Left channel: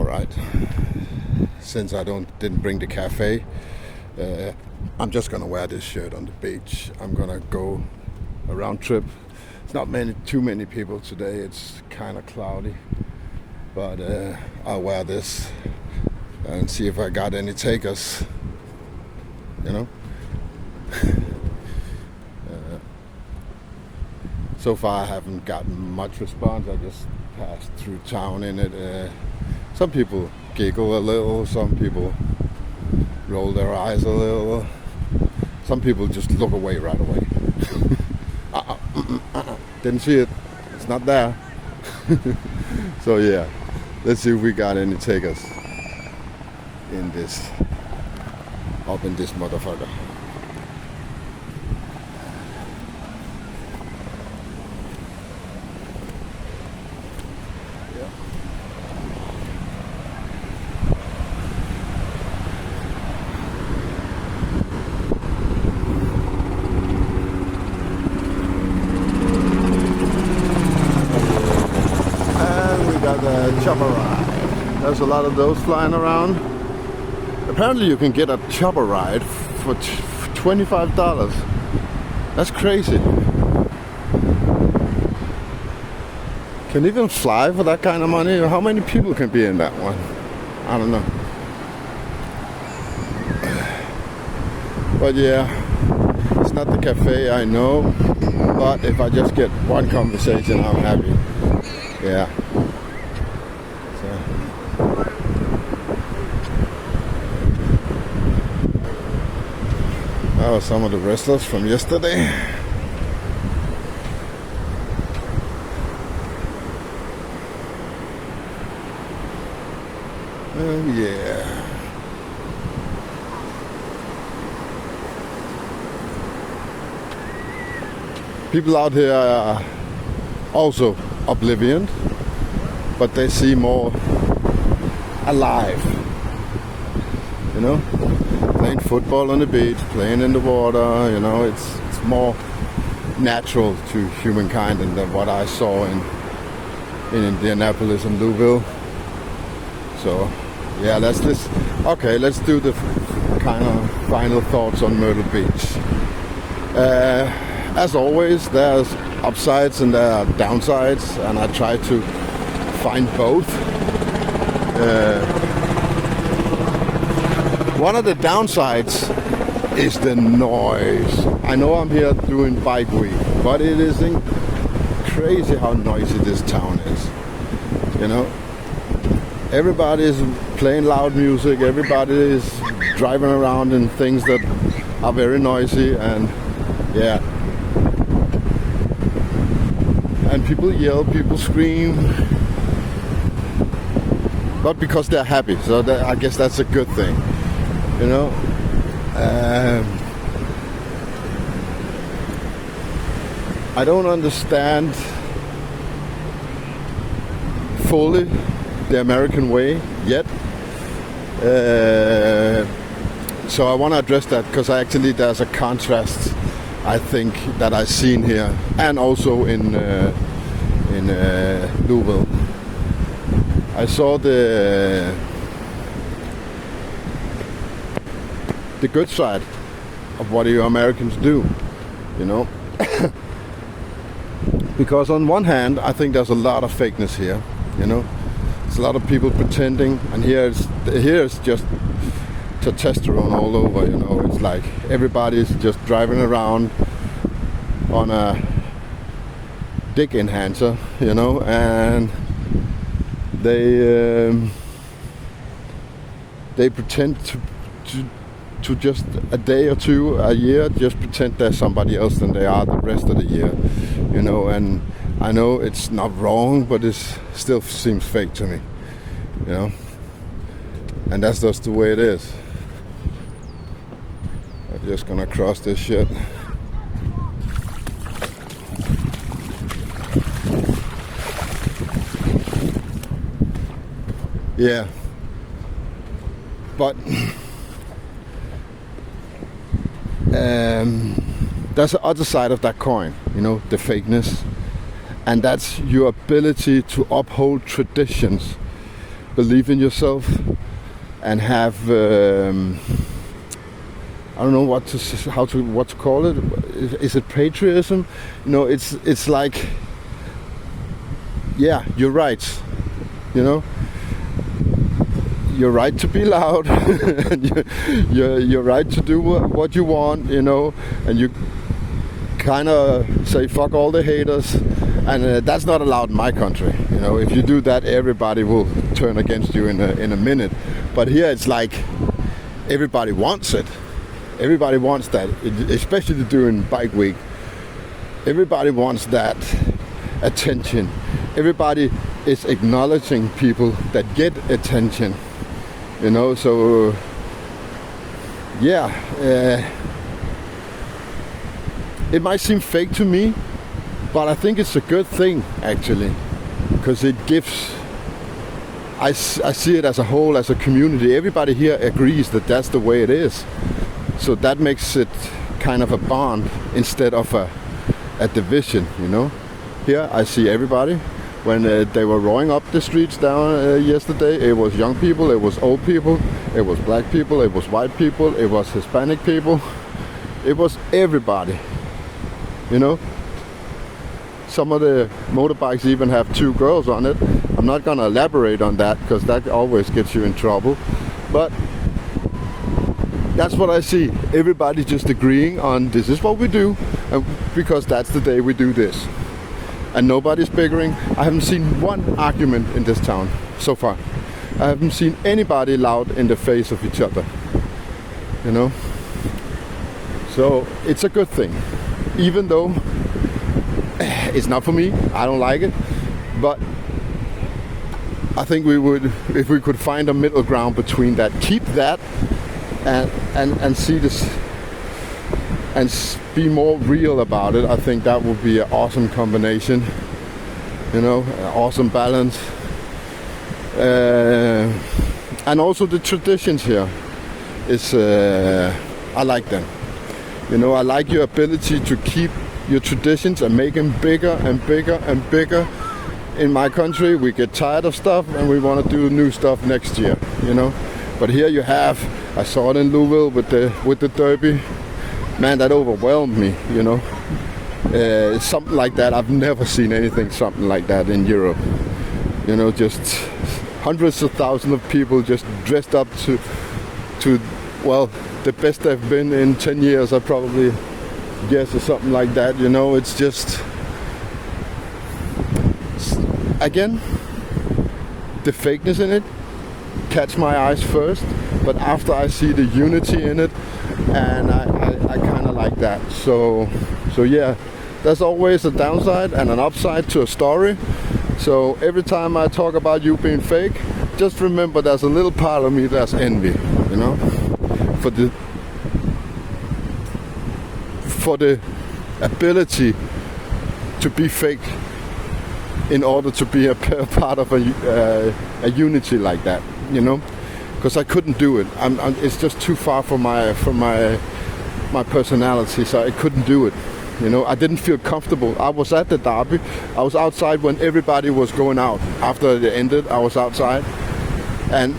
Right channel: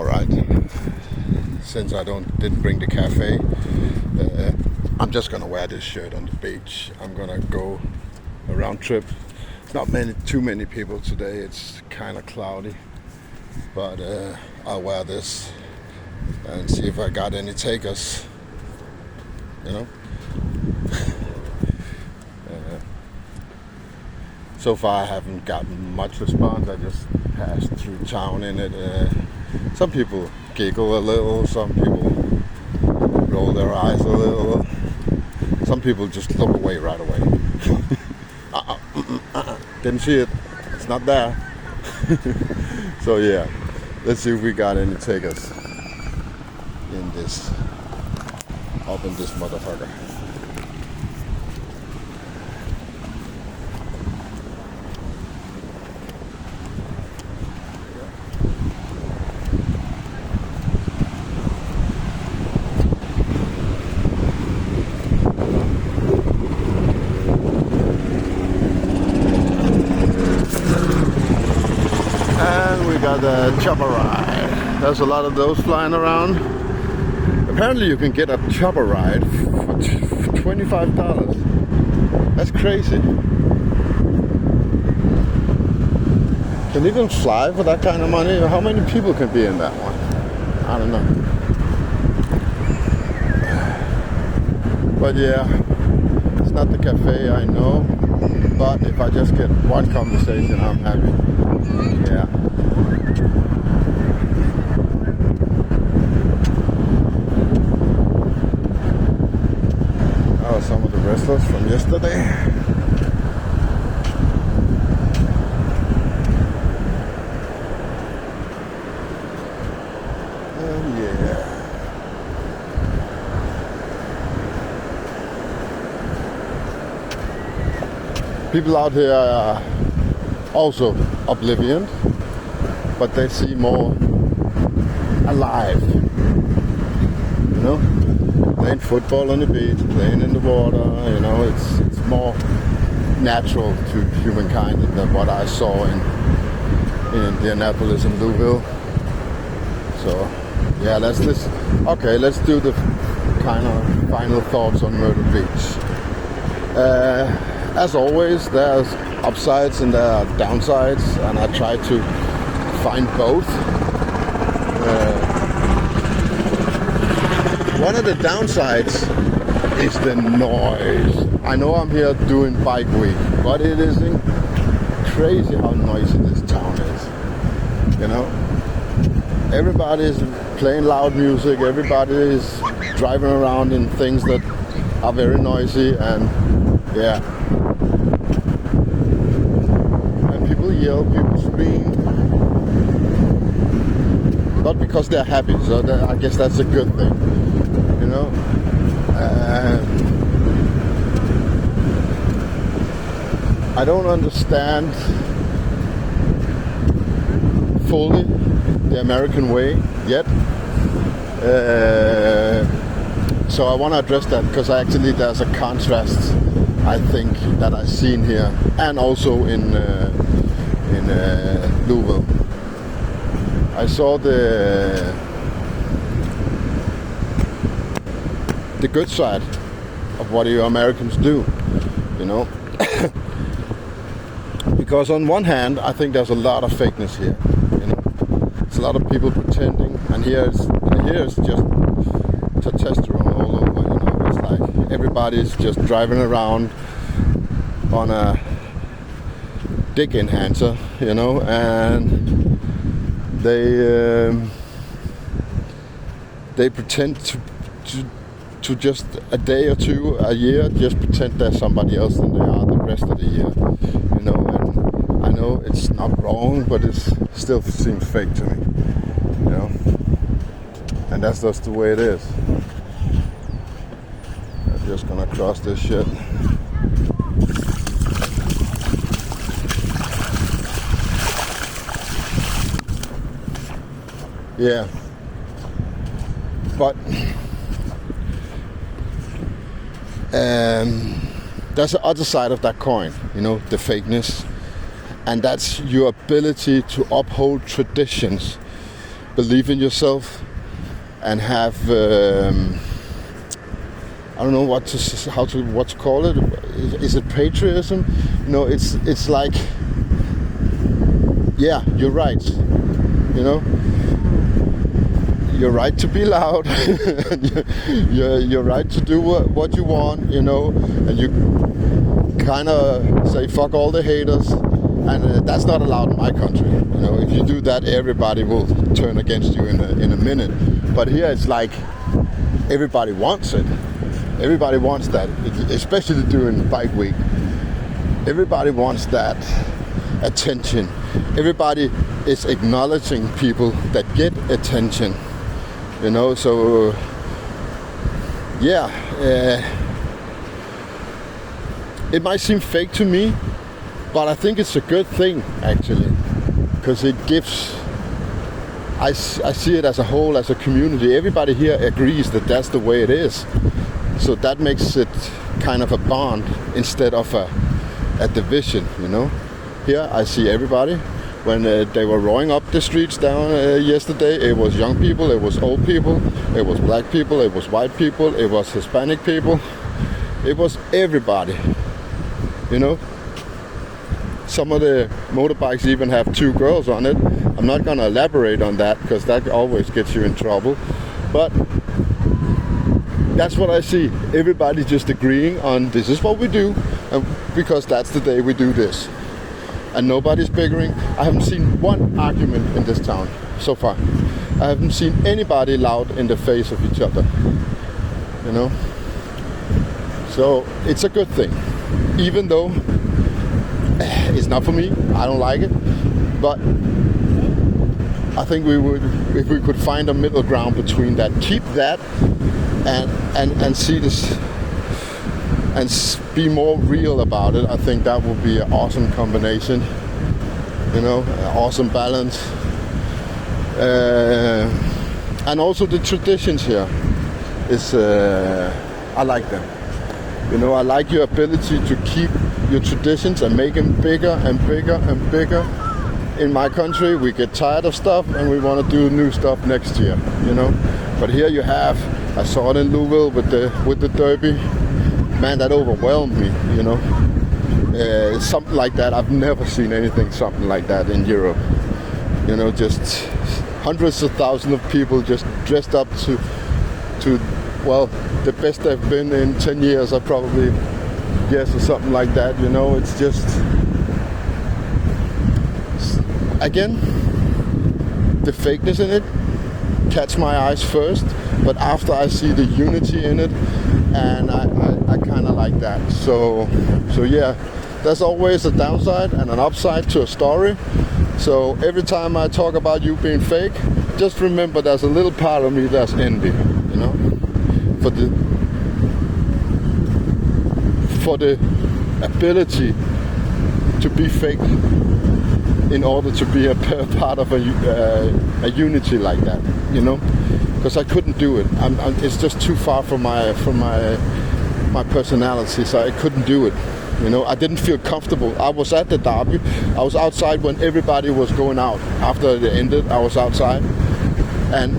All right. Since I didn't bring the cafe, I'm just gonna wear this shirt on the beach. I'm gonna go a round trip. It's not too many people today. It's kind of cloudy, but I'll wear this and see if I got any takers. You know. So far, I haven't gotten much response. I just passed through town in it. Some people giggle a little. Some people roll their eyes a little. Some people just look away right away. Didn't see it. It's not there. So yeah, let's see if we got any takers in this motherfucker. Got a chopper ride. There's a lot of those flying around. Apparently you can get a chopper ride for $25. That's crazy. Can you even fly for that kind of money? How many people can be in that one? I don't know. But yeah, it's not the cafe, I know. But if I just get one conversation, I'm happy. Yeah. Some of the wrestlers from yesterday. Oh yeah. People out here are also oblivion, but they seem more alive. You know? Playing football on the beach, playing in the water, you know, it's more natural to humankind than what I saw in Indianapolis and Louisville. So, yeah, let's do the kind of final thoughts on Myrtle Beach. As always, there's upsides and there are downsides, and I try to find both. One of the downsides is the noise. I know I'm here doing bike week, but it is crazy how noisy this town is. You know, everybody is playing loud music. Everybody is driving around in things that are very noisy, and yeah. And people yell, people scream, but because they're happy. So I guess that's a good thing. You know, I don't understand fully the American way yet. So I want to address that because there's a contrast, I think, that I've seen here and also in Louisville. I saw the good side of what you Americans do, you know. Because on one hand, I think there's a lot of fakeness here, you know. It's a lot of people pretending, and here's just testosterone all over, you know. It's like everybody's just driving around on a dick enhancer, you know, and they pretend to just a day or two a year just pretend they're somebody else than they are the rest of the year, you know. And I know it's not wrong, but it still seems fake to me, you know. And that's just the way it is. I'm just gonna cross this shit. Yeah, but there's the other side of that coin, you know, the fakeness, and that's your ability to uphold traditions believe in yourself and have I don't know what to call it. Is it patriotism? No, it's like, yeah, you're right. You know, you're right to be loud. you're right to do what you want. You know, and you kind of say fuck all the haters, and that's not allowed in my country. You know, if you do that, everybody will turn against you in a minute. But here it's like everybody wants it. Everybody wants that, especially during bike week. Everybody wants that attention. Everybody is acknowledging people that get attention. You know, so yeah, it might seem fake to me, but I think it's a good thing actually, because it gives. I see it as a whole, as a community. Everybody here agrees that that's the way it is. So that makes it kind of a bond instead of a division, you know. Here I see everybody. When they were rowing up the streets down yesterday, it was young people, it was old people, it was black people, it was white people, it was Hispanic people. It was everybody, you know. Some of the motorbikes even have 2 girls on it. I'm not going to elaborate on that because that always gets you in trouble. But that's what I see. Everybody just agreeing on this is what we do, because that's the day we do this. And nobody's bickering. I haven't seen one argument in this town so far. I haven't seen anybody loud in the face of each other. You know? So it's a good thing. Even though it's not for me, I don't like it. But I think we would, if we could find a middle ground between that, keep that and see this and be more real about it. I think that would be an awesome combination, you know, an awesome balance. And also the traditions here is, I like them. You know, I like your ability to keep your traditions and make them bigger and bigger and bigger. In my country, we get tired of stuff and we want to do new stuff next year, you know. But here you have, I saw it in Louisville with the Derby. Man, that overwhelmed me, you know. Something like that, I've never seen anything something like that in Europe. You know, just hundreds of thousands of people just dressed up to well, the best they've been in 10 years, I probably guess, or something like that. You know, it's just, again, the fakeness in it catch my eyes first, but after I see the unity in it, and I kind of like that. So yeah, there's always a downside and an upside to a story. So every time I talk about you being fake, just remember there's a little part of me that's envy, you know, for the ability to be fake in order to be a part of a unity like that, you know, because I couldn't do it. It's just too far from my personality, so I couldn't do it. You know, I didn't feel comfortable. I was at the Derby. I was outside when everybody was going out. After it ended, I was outside, and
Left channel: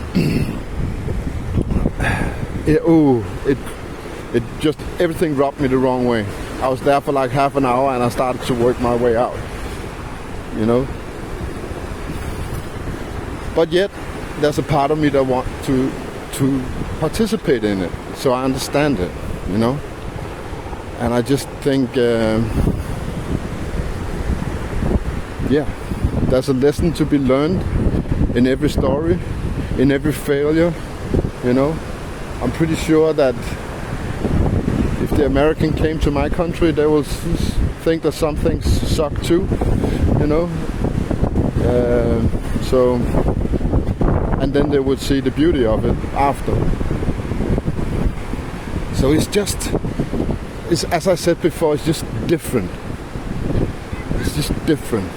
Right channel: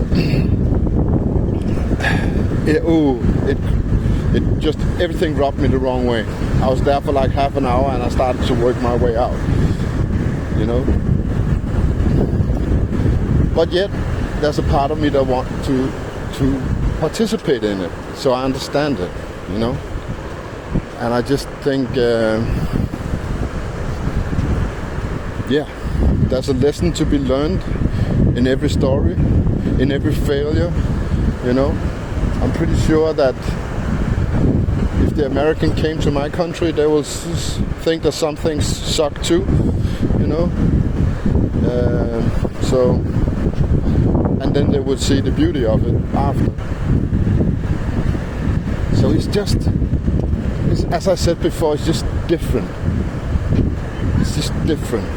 it just, everything rubbed me the wrong way. I was there for like half an hour, and I started to work my way out. You know, but yet there's a part of me that wants to participate in it, so I understand it. You know. And I just think, yeah, there's a lesson to be learned in every story, in every failure, you know. I'm pretty sure that if the American came to my country, they will think that some things suck too, you know. So, and then they would see the beauty of it after. So it's just, as I said before, it's just different. It's just different.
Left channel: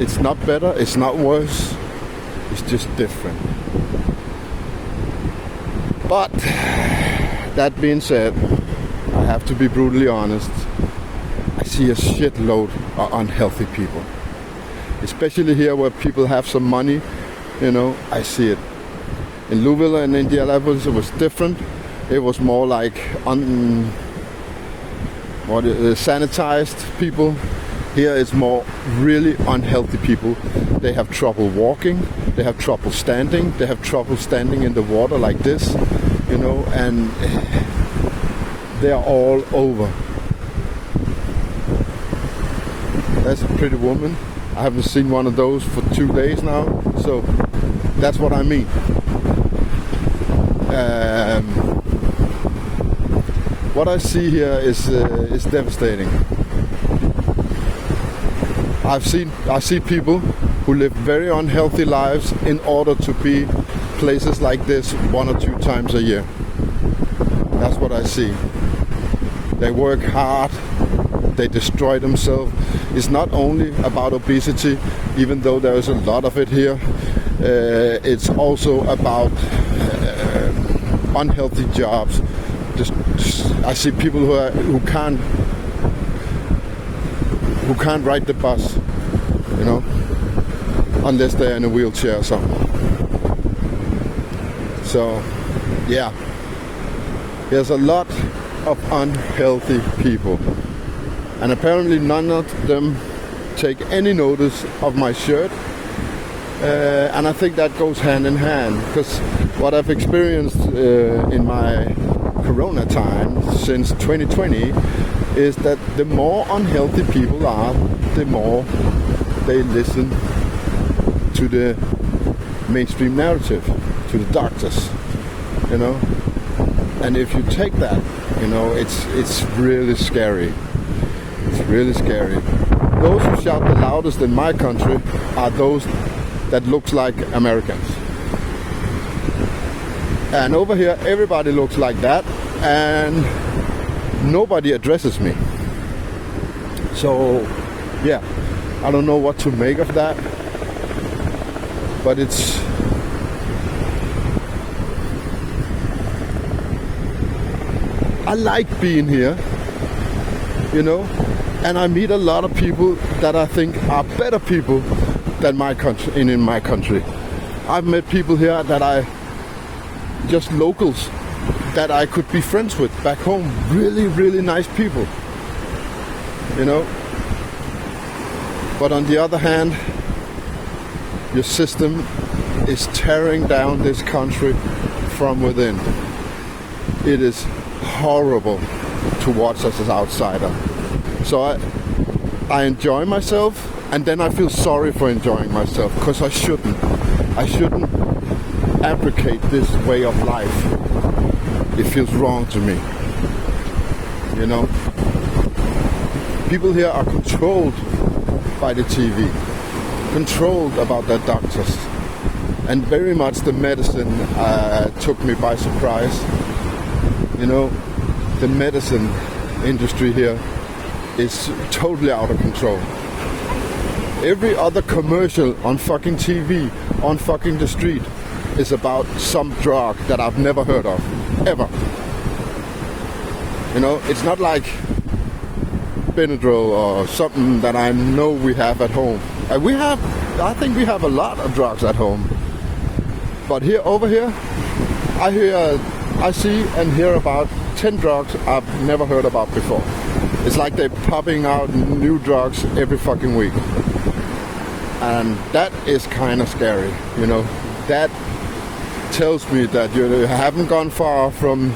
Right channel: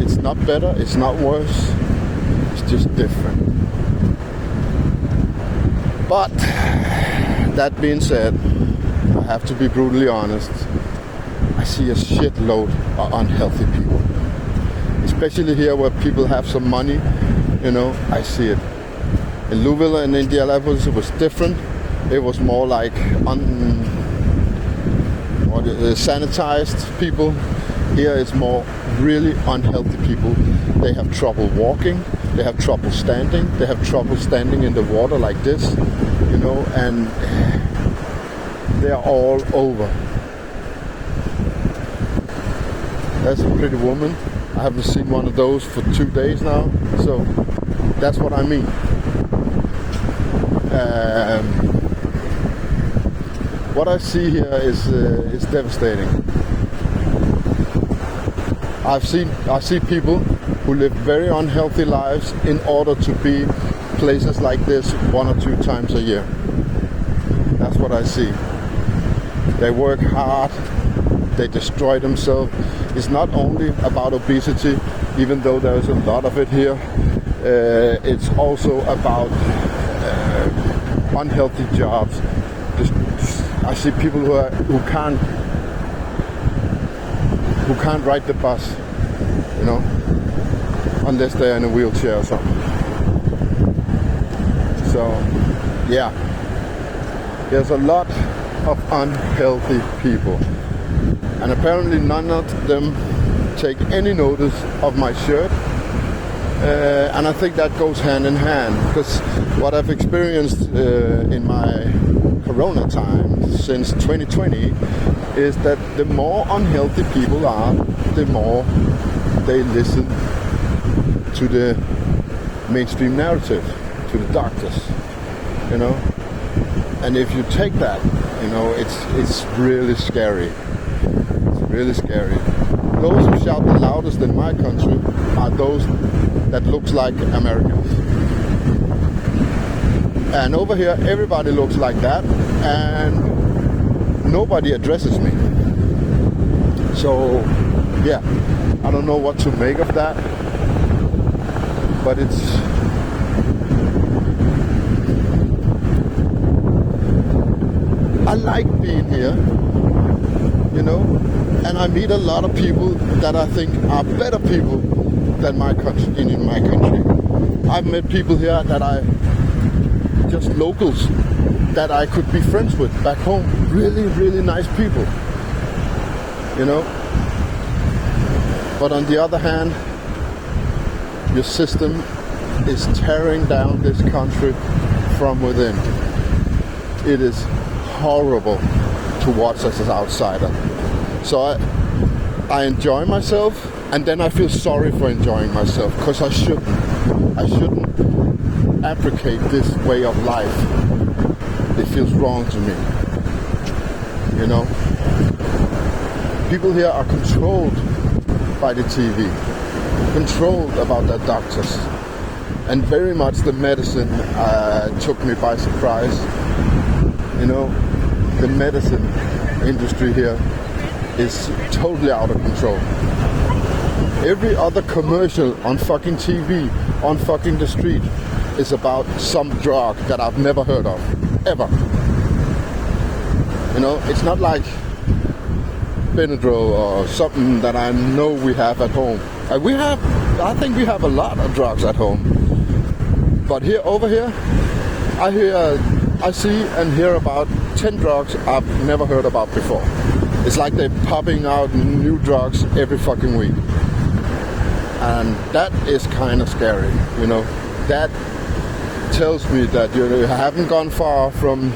It's not better, it's not worse, it's just different. But that being said, I have to be brutally honest. I see a shitload of unhealthy people. Especially here where people have some money You know, I see it. In Louisville and Indianapolis, it was different. It was more like sanitized people. Here it's more really unhealthy people. They have trouble walking, they have trouble standing, they have trouble standing in the water like this, you know, and they are all over. That's a pretty woman. I haven't seen one of those for 2 days now, so that's what I mean. What I see here is devastating. I see people who live very unhealthy lives in order to be places like this 1 or 2 times a year. That's what I see. They work hard, they destroy themselves. It's not only about obesity, even though there's a lot of it here. It's also about unhealthy jobs. I see people who can't ride the bus, you know, unless they're in a wheelchair or something. So, yeah, there's a lot of unhealthy people, and apparently none of them take any notice of my shirt, and I think that goes hand in hand, because what I've experienced in my Corona time since 2020 is that the more unhealthy people are, the more they listen to the mainstream narrative, to the doctors, you know. And if you take that, you know, it's really scary. It's really scary. Those who shout the loudest in my country are those that looks like Americans. And over here, everybody looks like that, and nobody addresses me. So, yeah, I don't know what to make of that, but I like being here, you know, and I meet a lot of people that I think are better people than my country, in my country. I've met people here that just locals that I could be friends with back home. Really, really nice people, you know. But on the other hand, your system is tearing down this country from within. It is horrible to watch as an outsider. So I enjoy myself, and then I feel sorry for enjoying myself, because I shouldn't abrogate this way of life. It feels wrong to me, you know. People here are controlled by the TV, controlled about their doctors, and very much the medicine took me by surprise. You know, the medicine industry here is totally out of control. Every other commercial on fucking TV, on fucking the street, is about some drug that I've never heard of, ever. You know, it's not like Benadryl or something that I know we have at home. I think we have a lot of drugs at home. But over here, I see and hear about 10 drugs I've never heard about before. It's like they're popping out new drugs every fucking week. And that is kind of scary, you know. That tells me that you haven't gone far from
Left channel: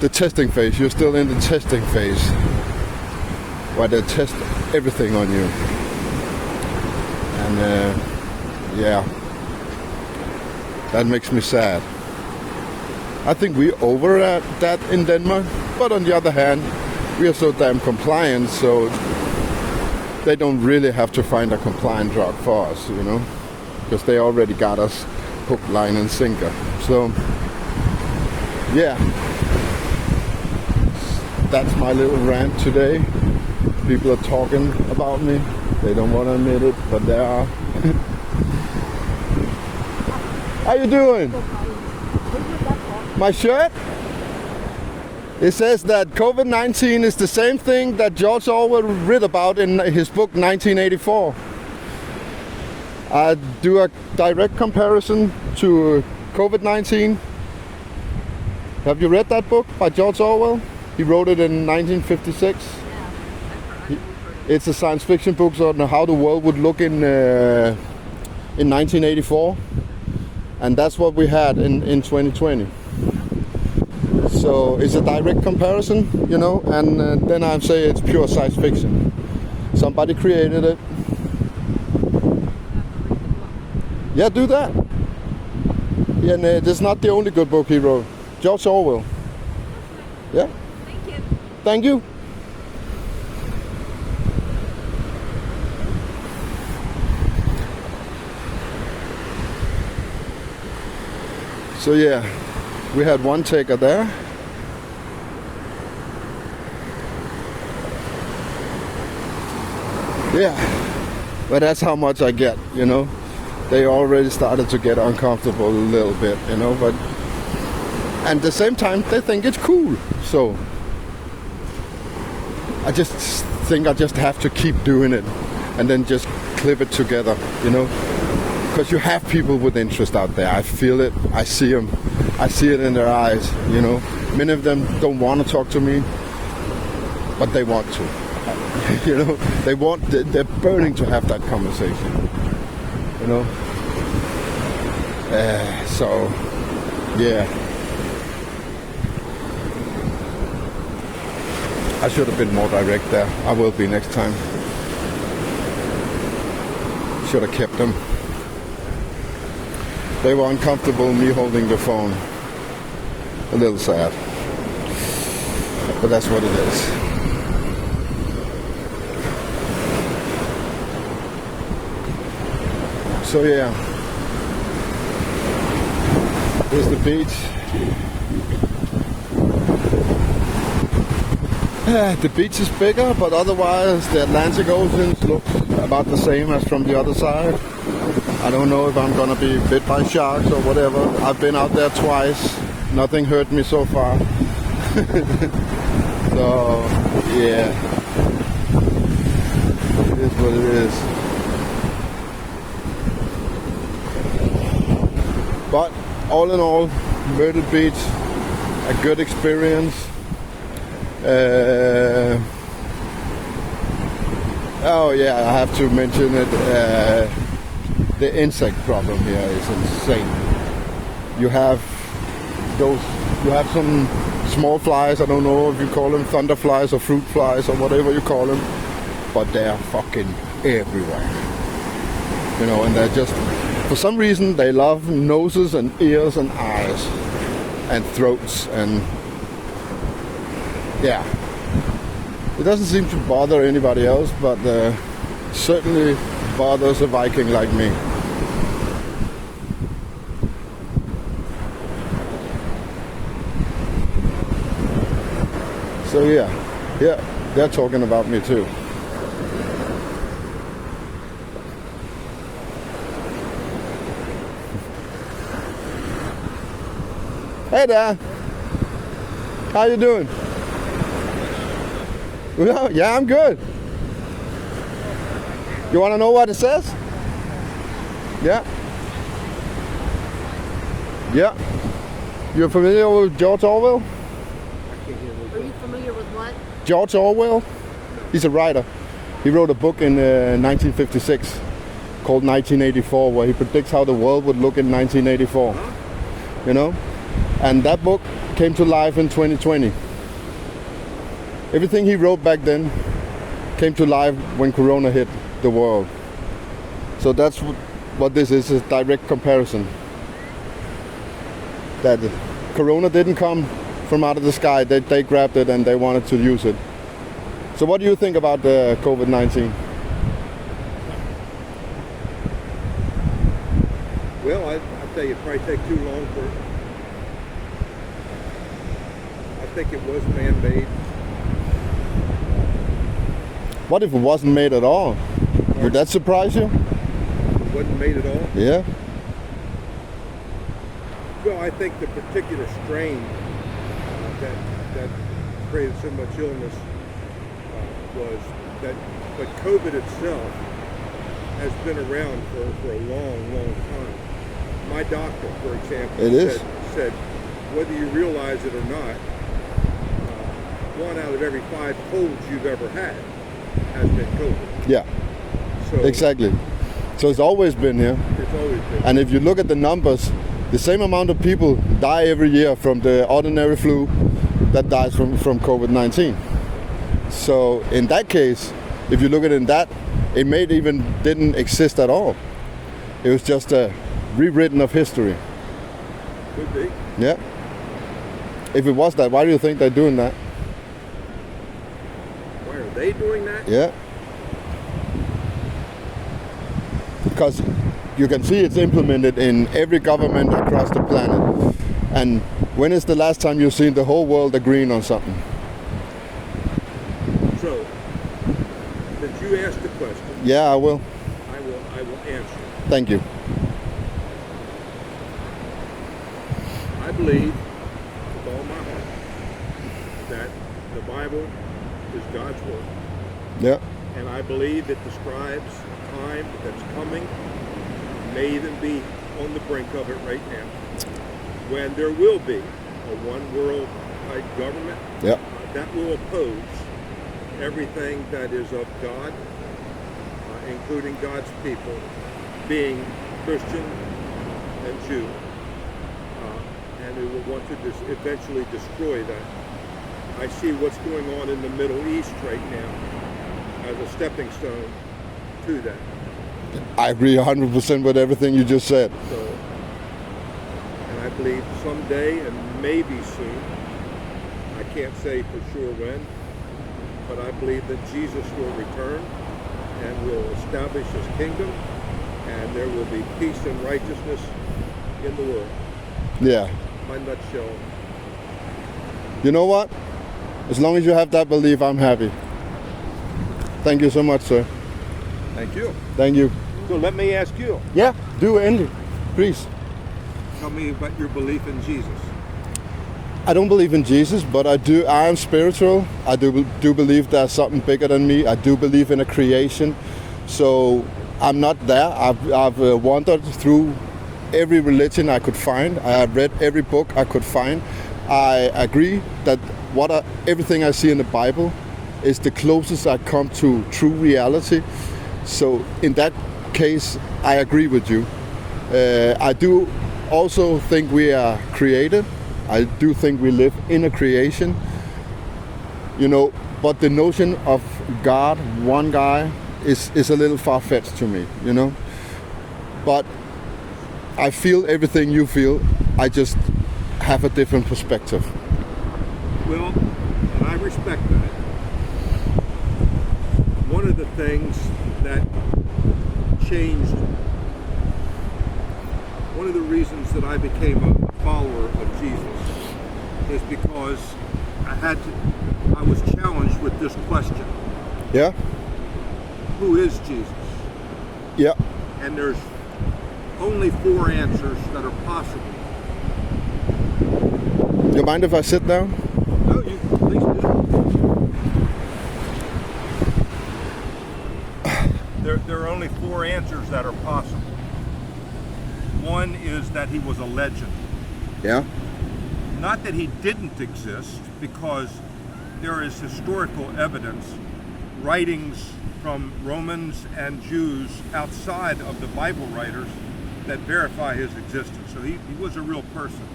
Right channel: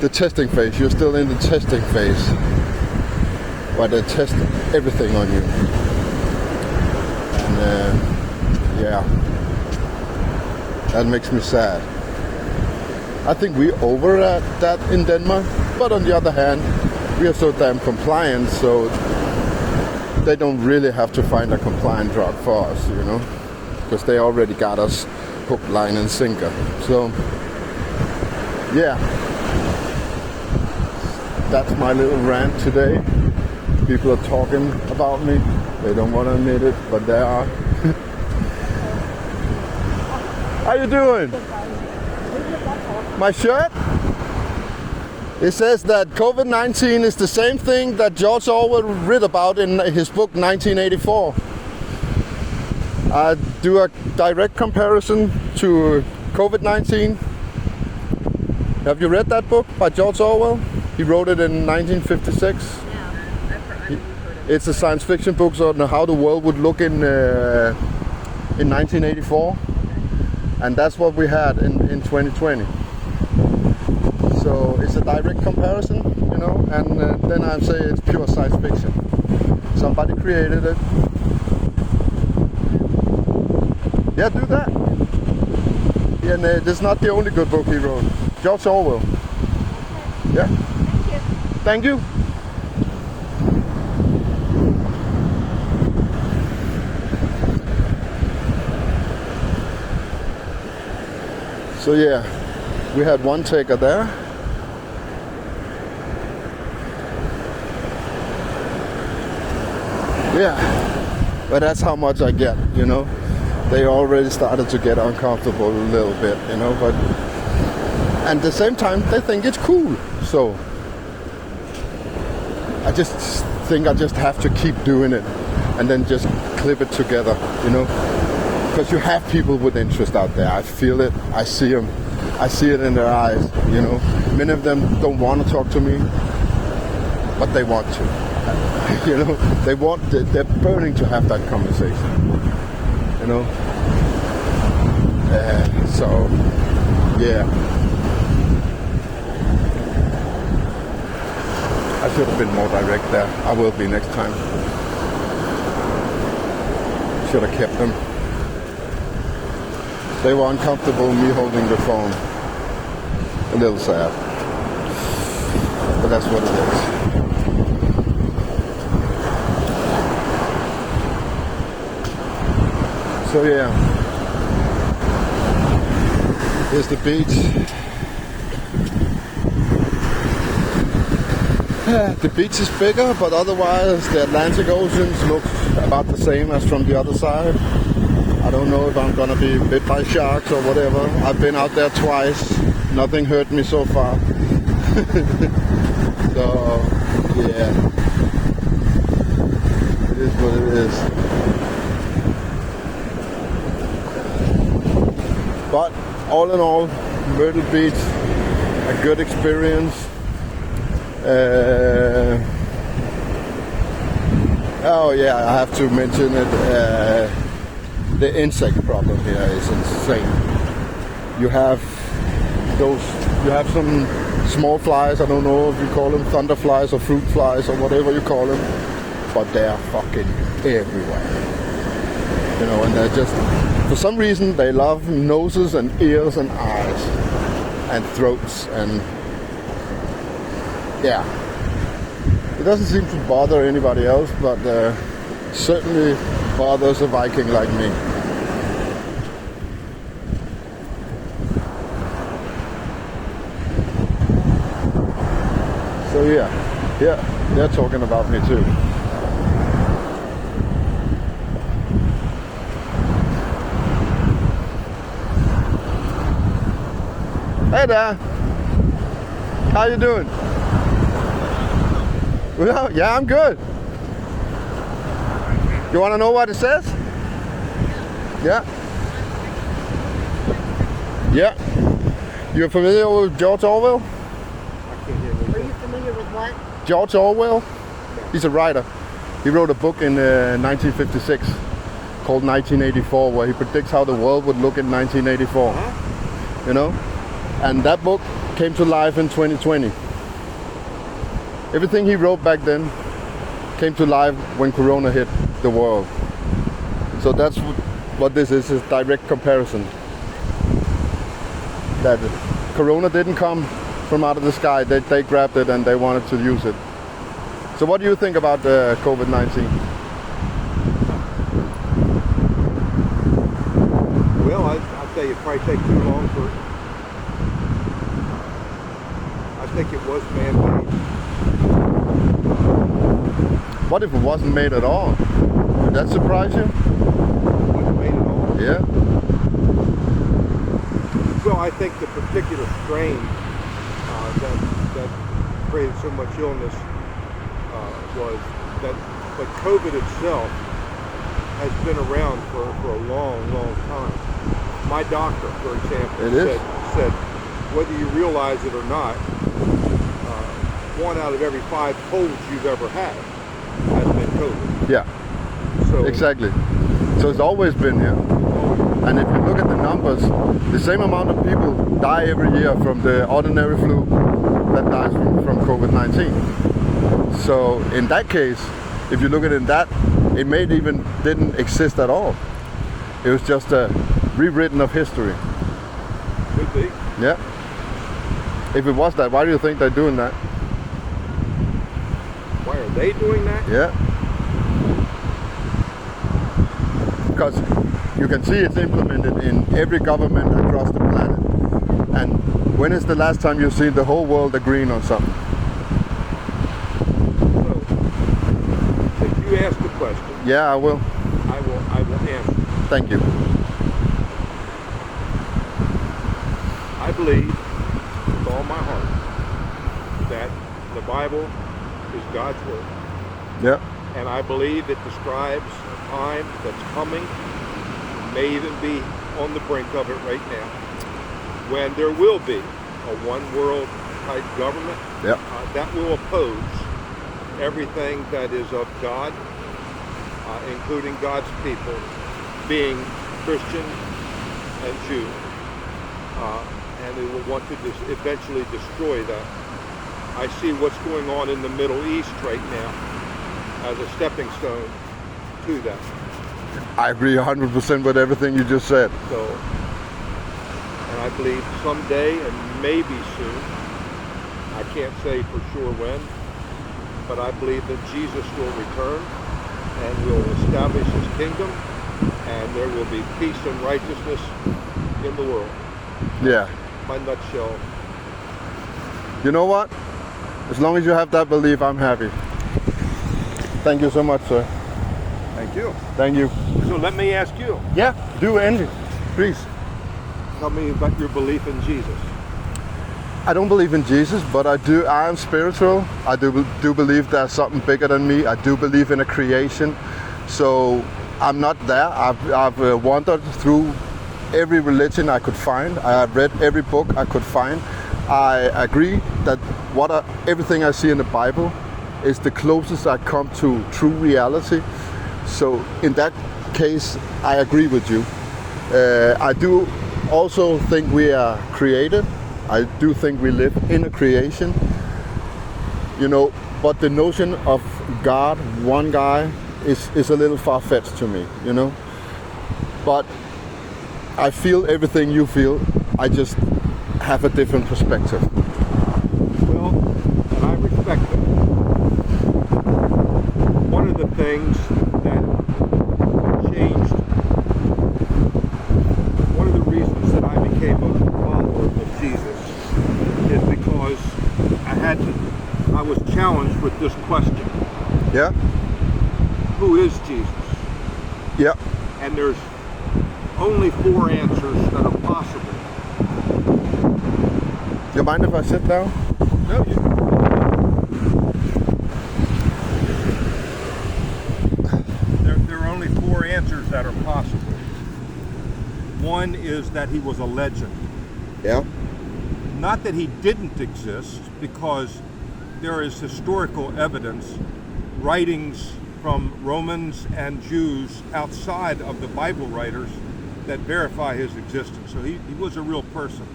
the testing phase. You're still in the testing phase, where they test everything on you. And yeah, that makes me sad. I think we're over at that in Denmark, but on the other hand, we are so damn compliant, so they don't really have to find a compliant drug for us, you know, because they already got us hook, line, and sinker. So, yeah, that's my little rant today. People are talking about me. They don't want to admit it, but they are. How you doing? My shirt? It says that COVID-19 is the same thing that George Orwell read about in his book 1984. I do a direct comparison to COVID-19. Have you read that book by George Orwell? He wrote it in 1956. Yeah, I've heard it. It's a science fiction book on how the world would look in 1984, and that's what we had in 2020. So it's a direct comparison, you know, and then I'd say it's pure science fiction. Somebody created it. Yeah, do that. Yeah, and it's not the only good book he wrote. George Orwell. Yeah. Thank you. Thank you. So yeah, we had one taker there. Yeah, but that's how much I get, you know. They already started to get uncomfortable a little bit, you know, but and at the same time they think it's cool. So I just think I just have to keep doing it and then just clip it together, you know. Because you have people with interest out there. I feel it. I see them. I see it in their eyes. You know, many of them don't want to talk to me, but they want to. You know, they want. They're burning to have that conversation. You know. So, yeah. I should have been more direct there. I will be next time. Should have kept them. They were uncomfortable me holding the phone. A little sad. But that's what it is. So yeah. Here's the beach. The beach is bigger, but otherwise the Atlantic Ocean looks about the same as from the other side. I don't know if I'm gonna be bit by sharks or whatever. I've been out there twice. Nothing hurt me so far. So, yeah. It is what it is. But all in all, Myrtle Beach, a good experience. Oh yeah, I have to mention it. The insect problem here is insane. You have some small flies, I don't know if you call them thunder flies or fruit flies or whatever you call them, but they're fucking everywhere. You know, and they're just, for some reason, they love noses and ears and eyes and throats and, yeah. It doesn't seem to bother anybody else, but certainly bothers a Viking like me. So yeah, they're talking about me too. Hey there, how you doing? Well, yeah, I'm good. You want to know what it says? Yeah. Yeah. You're familiar with George Orwell? Are you familiar with what? George Orwell? He's a writer. He wrote a book in 1956 called 1984, where he predicts how the world would look in 1984. You know? And that book came to life in 2020. Everything he wrote back then came to life when Corona hit the world. So that's what this is a direct comparison. That Corona didn't come from out of the sky. They grabbed it and they wanted to use it. So what do you think about COVID-19? Well, I'll tell you, it'd probably take too long for... I think it was man-made. What if it wasn't made at all? Would that surprise you? It wasn't made at all? Yeah. Well, I think the particular strain that created so much illness was that COVID itself has been around for a long, long time. My doctor, for example, It is. said whether you realize it or not, 1 out of every 5 colds you've ever had has been COVID. Yeah, So exactly. So it's always been here. it's always been. And if you look at the numbers, the same amount of people die every year from the ordinary flu that dies from COVID-19. So in that case, if you look at it in that, it may even didn't exist at all. It was just a rewritten of history. Could be. Yeah. If it was that, why do you think they're doing that? Why are they doing that? Yeah. Because you can see it's implemented in every government across the planet. And when is the last time you've seen the whole world agreeing on something? So, since you asked the question, Yeah, I will. I will answer. Thank you. I believe with all my heart that the Bible is God's word. Yeah. And I believe it describes a time that's coming, may even be on the brink of it right now, when there will be a one world type government Yeah. that will oppose everything that is of God, including God's people, being Christian and Jew. And they will want to eventually destroy that. I see what's going on in the Middle East right now as a stepping stone to that. I agree 100% with everything you just said. So, and I believe someday, and maybe soon, I can't say for sure when, but I believe that Jesus will return and will establish his kingdom, and there will be peace and righteousness in the world. Yeah. My nutshell. You know what? As long as you have that belief, I'm happy. Thank you so much, sir. Thank you. Thank you. So let me ask you, Yeah, do anything. Please. tell me about your belief in Jesus. I don't believe in Jesus, but I am spiritual. I do believe there's something bigger than me. I do believe in a creation. So I'm not there. I've wandered through every religion I could find. I have read every book I could find. I agree that everything I see in the Bible is the closest I come to true reality. So in that case, I agree with you. I do also think we are created. I do think we live in a creation, but the notion of God, one guy, is a little far-fetched to me, But I feel everything you feel. I just have a different perspective. Well, and I respect that. One of the things that changed, one of the reasons that I became a follower of Jesus is because I was challenged with this question. Yeah? Who is Jesus? Yeah. And there's only 4 answers that are possible. You mind if I sit down? No, there are only 4 answers that are possible. One is that he was a legend. Yeah. Not that he didn't exist, because there is historical evidence, writings from Romans and Jews outside of the Bible writers that verify his existence. So he was a real person.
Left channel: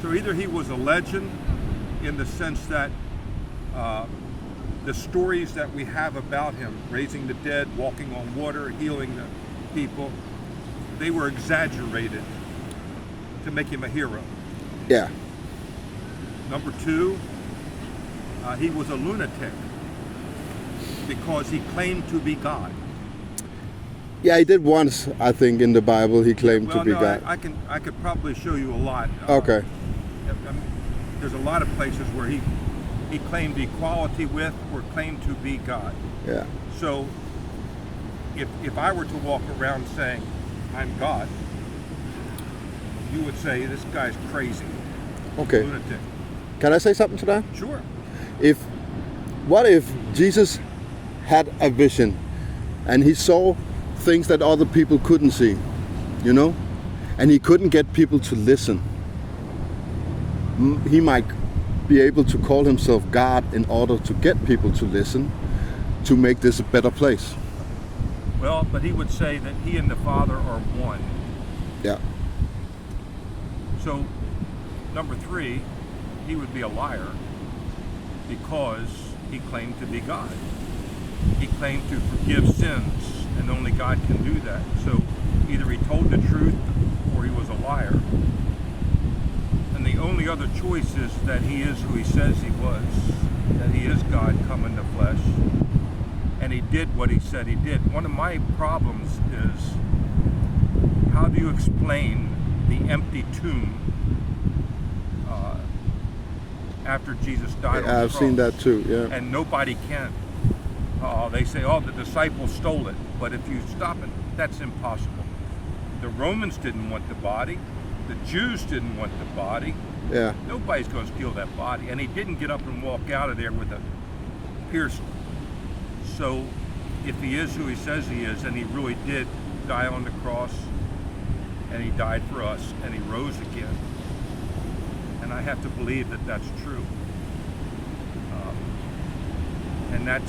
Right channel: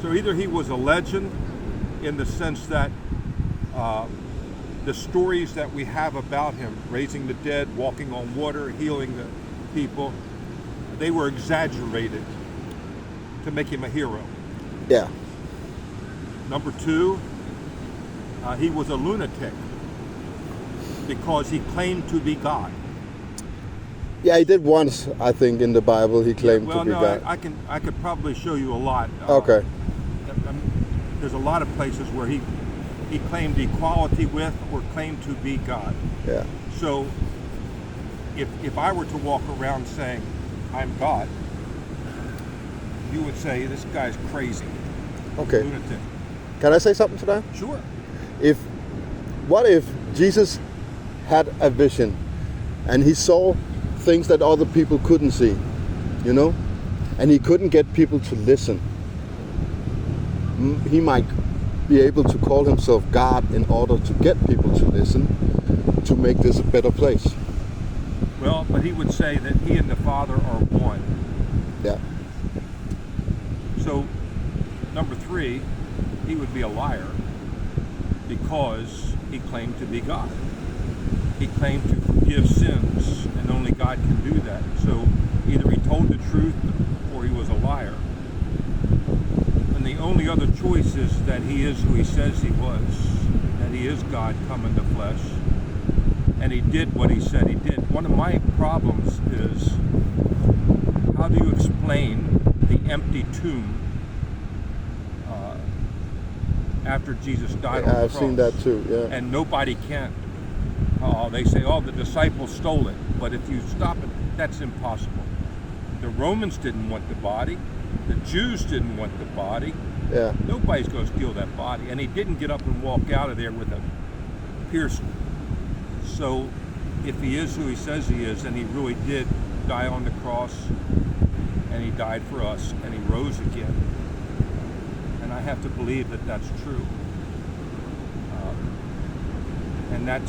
So either he was a legend in the sense that the stories that we have about him, raising the dead, walking on water, healing the people, they were exaggerated to make him a hero. Yeah. Number 2, he was a lunatic because he claimed to be God. Yeah, he did once, I think, in the Bible, he claimed to be God. I could probably show you a lot. Okay. There's a lot of places where he claimed equality with or claimed to be God. Yeah. So if I were to walk around saying I'm God, you would say this guy's crazy. Okay. Lunatic. Can I say something to that? Sure. What if Jesus had a vision and he saw things that other people couldn't see, you know? And he couldn't get people to listen. He might be able to call himself God in order to get people to listen, to make this a better place. Well, but he would say that he and the Father are one. Yeah. So, number 3, he would be a liar because he claimed to be God. He claimed to forgive sins, and only God can do that. So either he told the truth or he was a liar. And the only other choice is that he is who he says he was, that he is God come in the flesh, and he did what he said he did. One of my problems is, how do you explain the empty tomb after Jesus died on the I've cross? seen that too, yeah. And nobody can. They say, oh, the disciples stole it. But if you stop it, that's impossible. The Romans didn't want the body. The Jews didn't want the body. Yeah. Nobody's going to steal that body. And he didn't get up and walk out of there with a piercing. So if he is who he says he is, and he really did die on the cross, and he died for us, and he rose again, and I have to believe that that's true. And that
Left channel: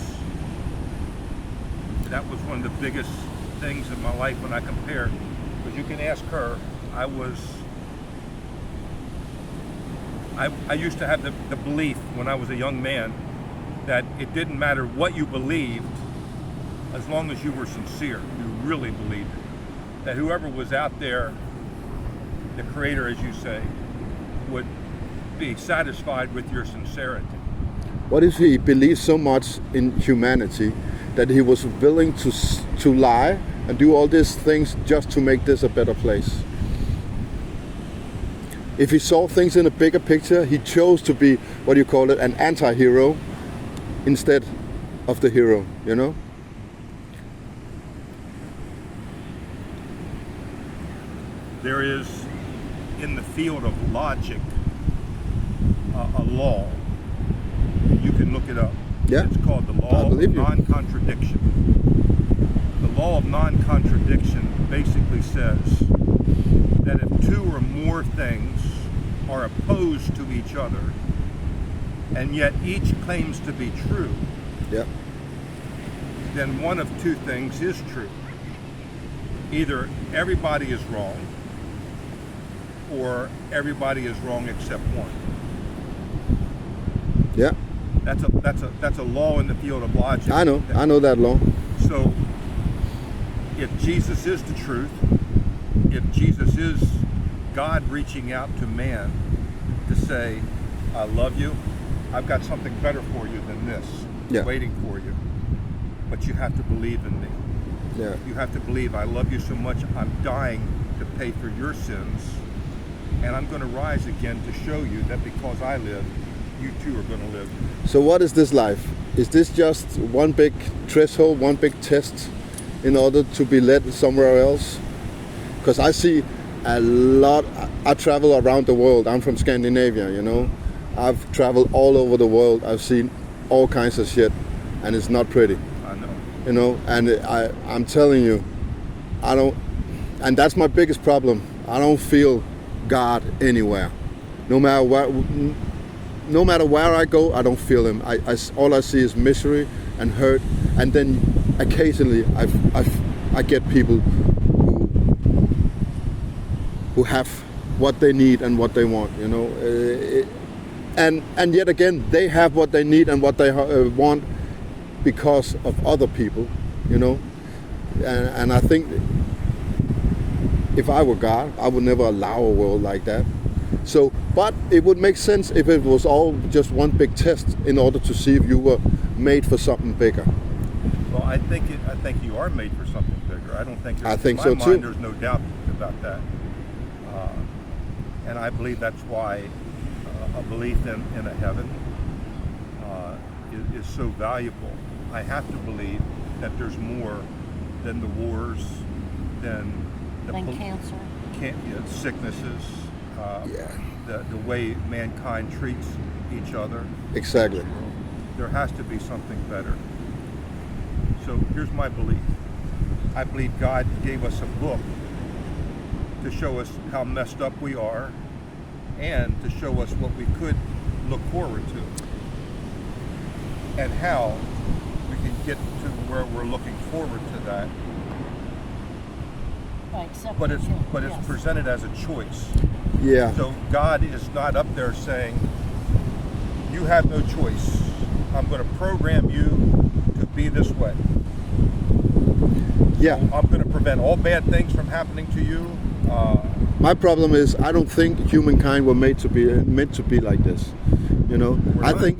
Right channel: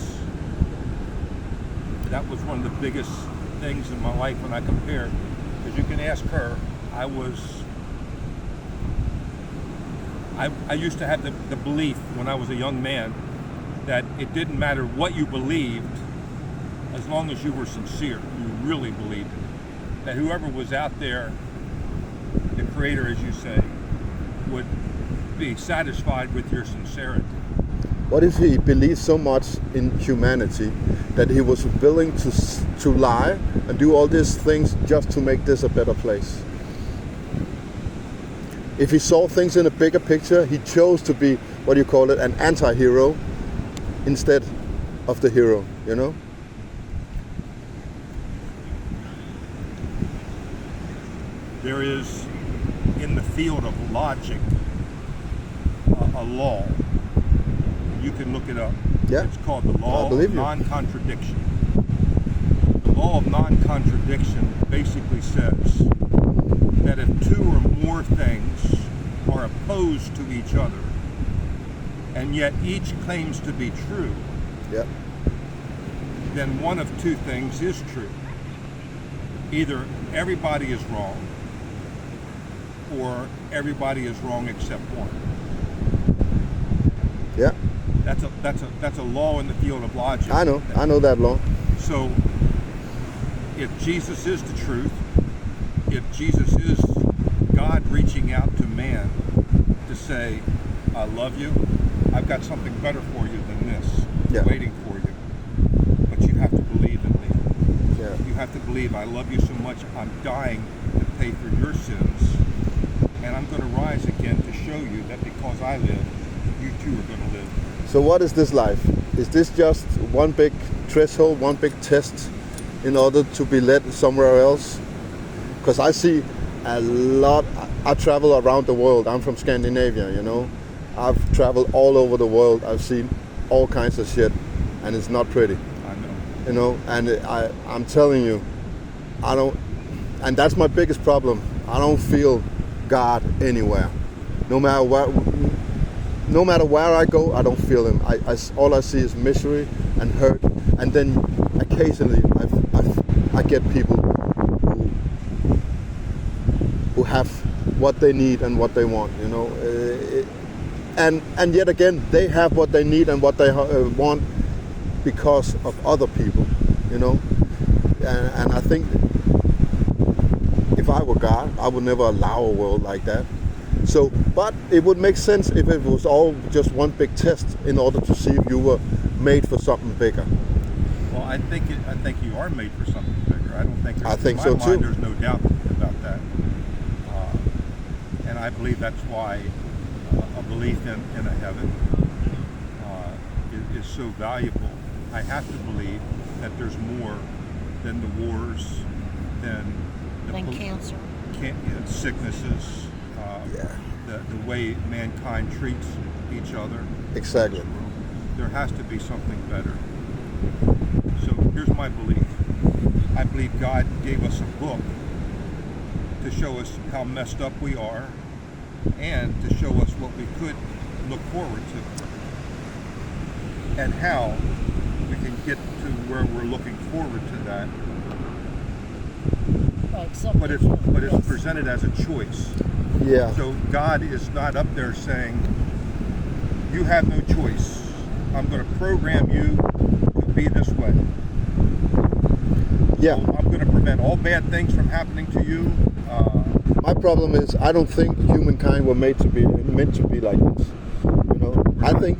was one of the biggest things in my life when I compare, because you can ask her. I used to have the belief when I was a young man that it didn't matter what you believed as long as you were sincere, you really believed it. That whoever was out there, the Creator, as you say, would be satisfied with your sincerity. What if he believed so much in humanity that he was willing to lie and do all these things just to make this a better place? If he saw things in a bigger picture, he chose to be, what do you call it, an anti-hero instead of the hero, you know? There is, in the field of logic, a law. You can look it up. Yeah. It's called the I'll law of believe you. non-contradiction. The law of non-contradiction basically says that if two or more things are opposed to each other, and yet each claims to be true, Yeah. then one of two things is true. Either everybody is wrong, or everybody is wrong except one. Yeah. That's a law in the field of logic. I know that law. So if Jesus is the truth, if Jesus is God reaching out to man to say, I love you, I've got something better for you than this, Yeah. waiting for you, but you have to believe in me. Yeah. You have to believe I love you so much, I'm dying to pay for your sins, and I'm going to rise again to show you that because I live, you too are going to live. So what is this life? Is this just one big threshold, one big test in order to be led somewhere else? Because I see a lot, I travel around the world. I'm from Scandinavia, you know. I've traveled all over the world. I've seen all kinds of shit, and it's not pretty, I know. you know. And I'm telling you, I don't, and that's my biggest problem. I don't feel God anywhere. No matter where I go, I don't feel him. All I see is misery and hurt, and then occasionally I get people who have what they need and what they want, you know. And yet again, they have what they need and what they want because of other people, you know. And I think if I were God, I would never allow a world like that. So, but it would make sense if it was all just one big test in order to see if you were made for something bigger. Well, I think you are made for something bigger. I don't think. I think in so my mind, too. There's no doubt about that, and I believe that's why a belief in a heaven is so valuable. I have to believe that there's more than the wars, than cancer. Sicknesses. The way mankind treats each other. Exactly. in this world. There has to be something better. So here's my belief. I believe God gave us a book to show us how messed up we are and to show us what we could look forward to and how we can get to where we're looking forward to that. But it's presented as a choice. Yeah. So God is not up there saying, you have no choice. I'm going to program you to be this way. Yeah. I'm going to prevent all bad things from happening to you. My problem is I don't think humankind were meant to be like this. You know, I think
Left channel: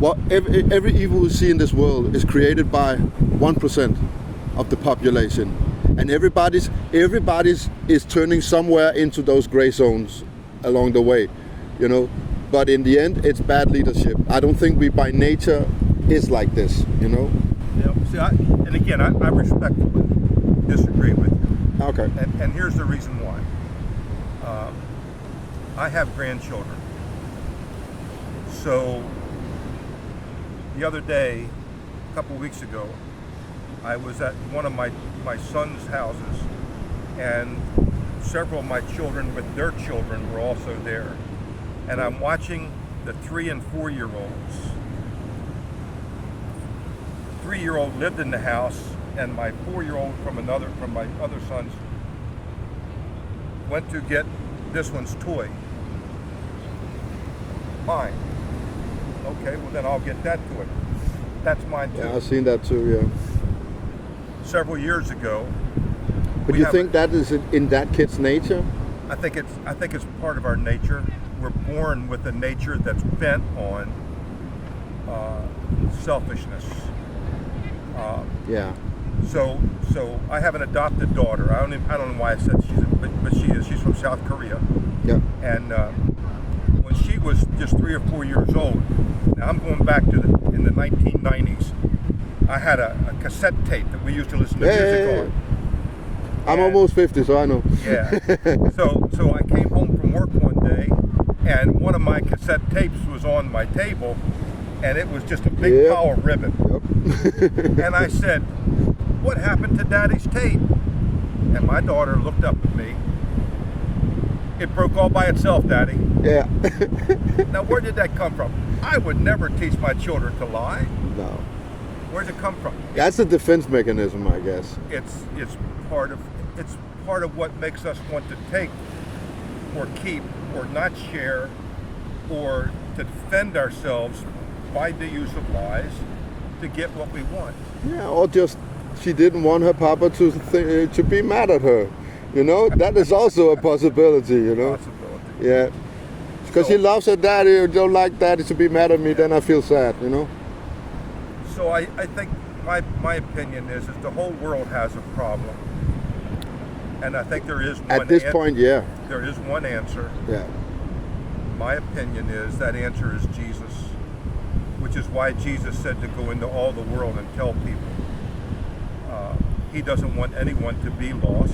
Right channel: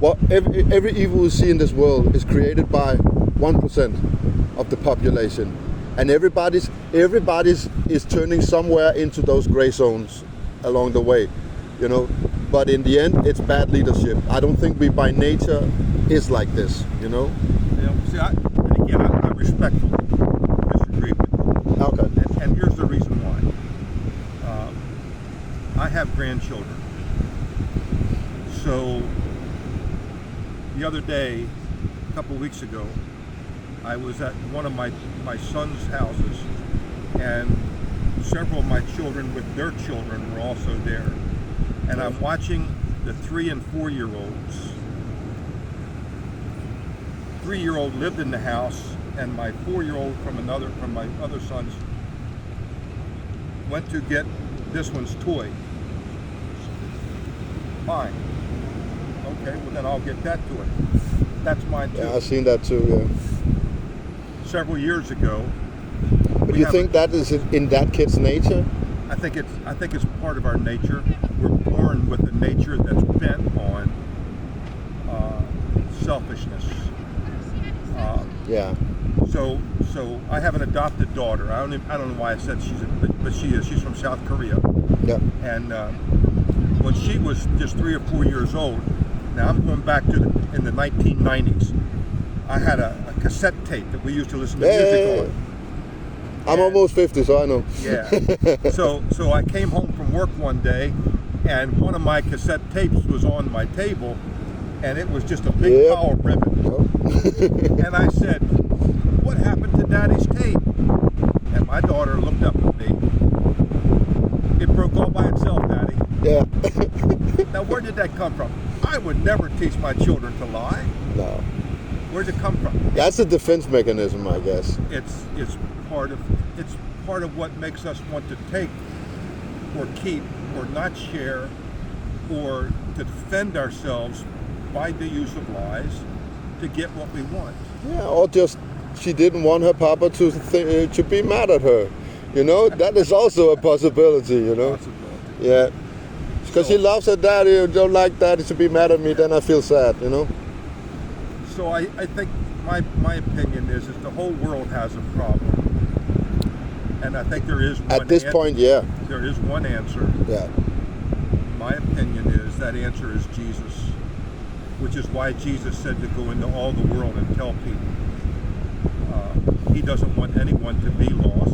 what every evil we see in this world is created by 1% of the population, and everybody's is turning somewhere into those gray zones along the way. You know, but in the end, it's bad leadership. I don't think we by nature is like this. You know. Yeah. See, I respectfully disagree with you. Okay. And here's the reason why. I have grandchildren. So the other day, a couple weeks ago, I was at one of my son's houses, and several of my children with their children were also there. And I'm watching the 3 and 4-year-olds. 3-year-old lived in the house, and my 4-year-old from my other sons went to get this one's toy. Mine. Okay, well then I'll get that toy. That's mine too. Yeah, I've seen that too. Yeah. Several years ago. But you think that is in that kid's nature? I think it's part of our nature. We're born with a nature that's bent on selfishness. Yeah. So I have an adopted daughter. I don't know why I said but she is. She's from South Korea. Yeah. And when she was just 3 or 4 years old, now I'm going back to in the 1990s. I had a cassette tape that we used to listen to music on. I'm almost 50, so I know. Yeah. So I came home from work one day, and one of my cassette tapes was on my table, and it was just a big pile of ribbon. Yep. And I said, "What happened to Daddy's tape?" And my daughter looked up at me. "It broke all by itself, Daddy." Yeah. Now, where did that come from? I would never teach my children to lie. No. Where's it come from? That's a defense mechanism, I guess. It's part of what makes us want to take or keep or not share or to defend ourselves by the use of lies to get what we want. Yeah, or just she didn't want her papa to be mad at her. You know, that is also a possibility. You know. Possibility. Yeah. Because she loves her daddy and don't like daddy to be mad at me, then I feel sad. You know. So I think my opinion is the whole world has a problem. And I think there is one at this point, yeah. There is one answer. Yeah. My opinion is that answer is Jesus, which is why Jesus said to go into all the world and tell people. He doesn't want anyone to be lost.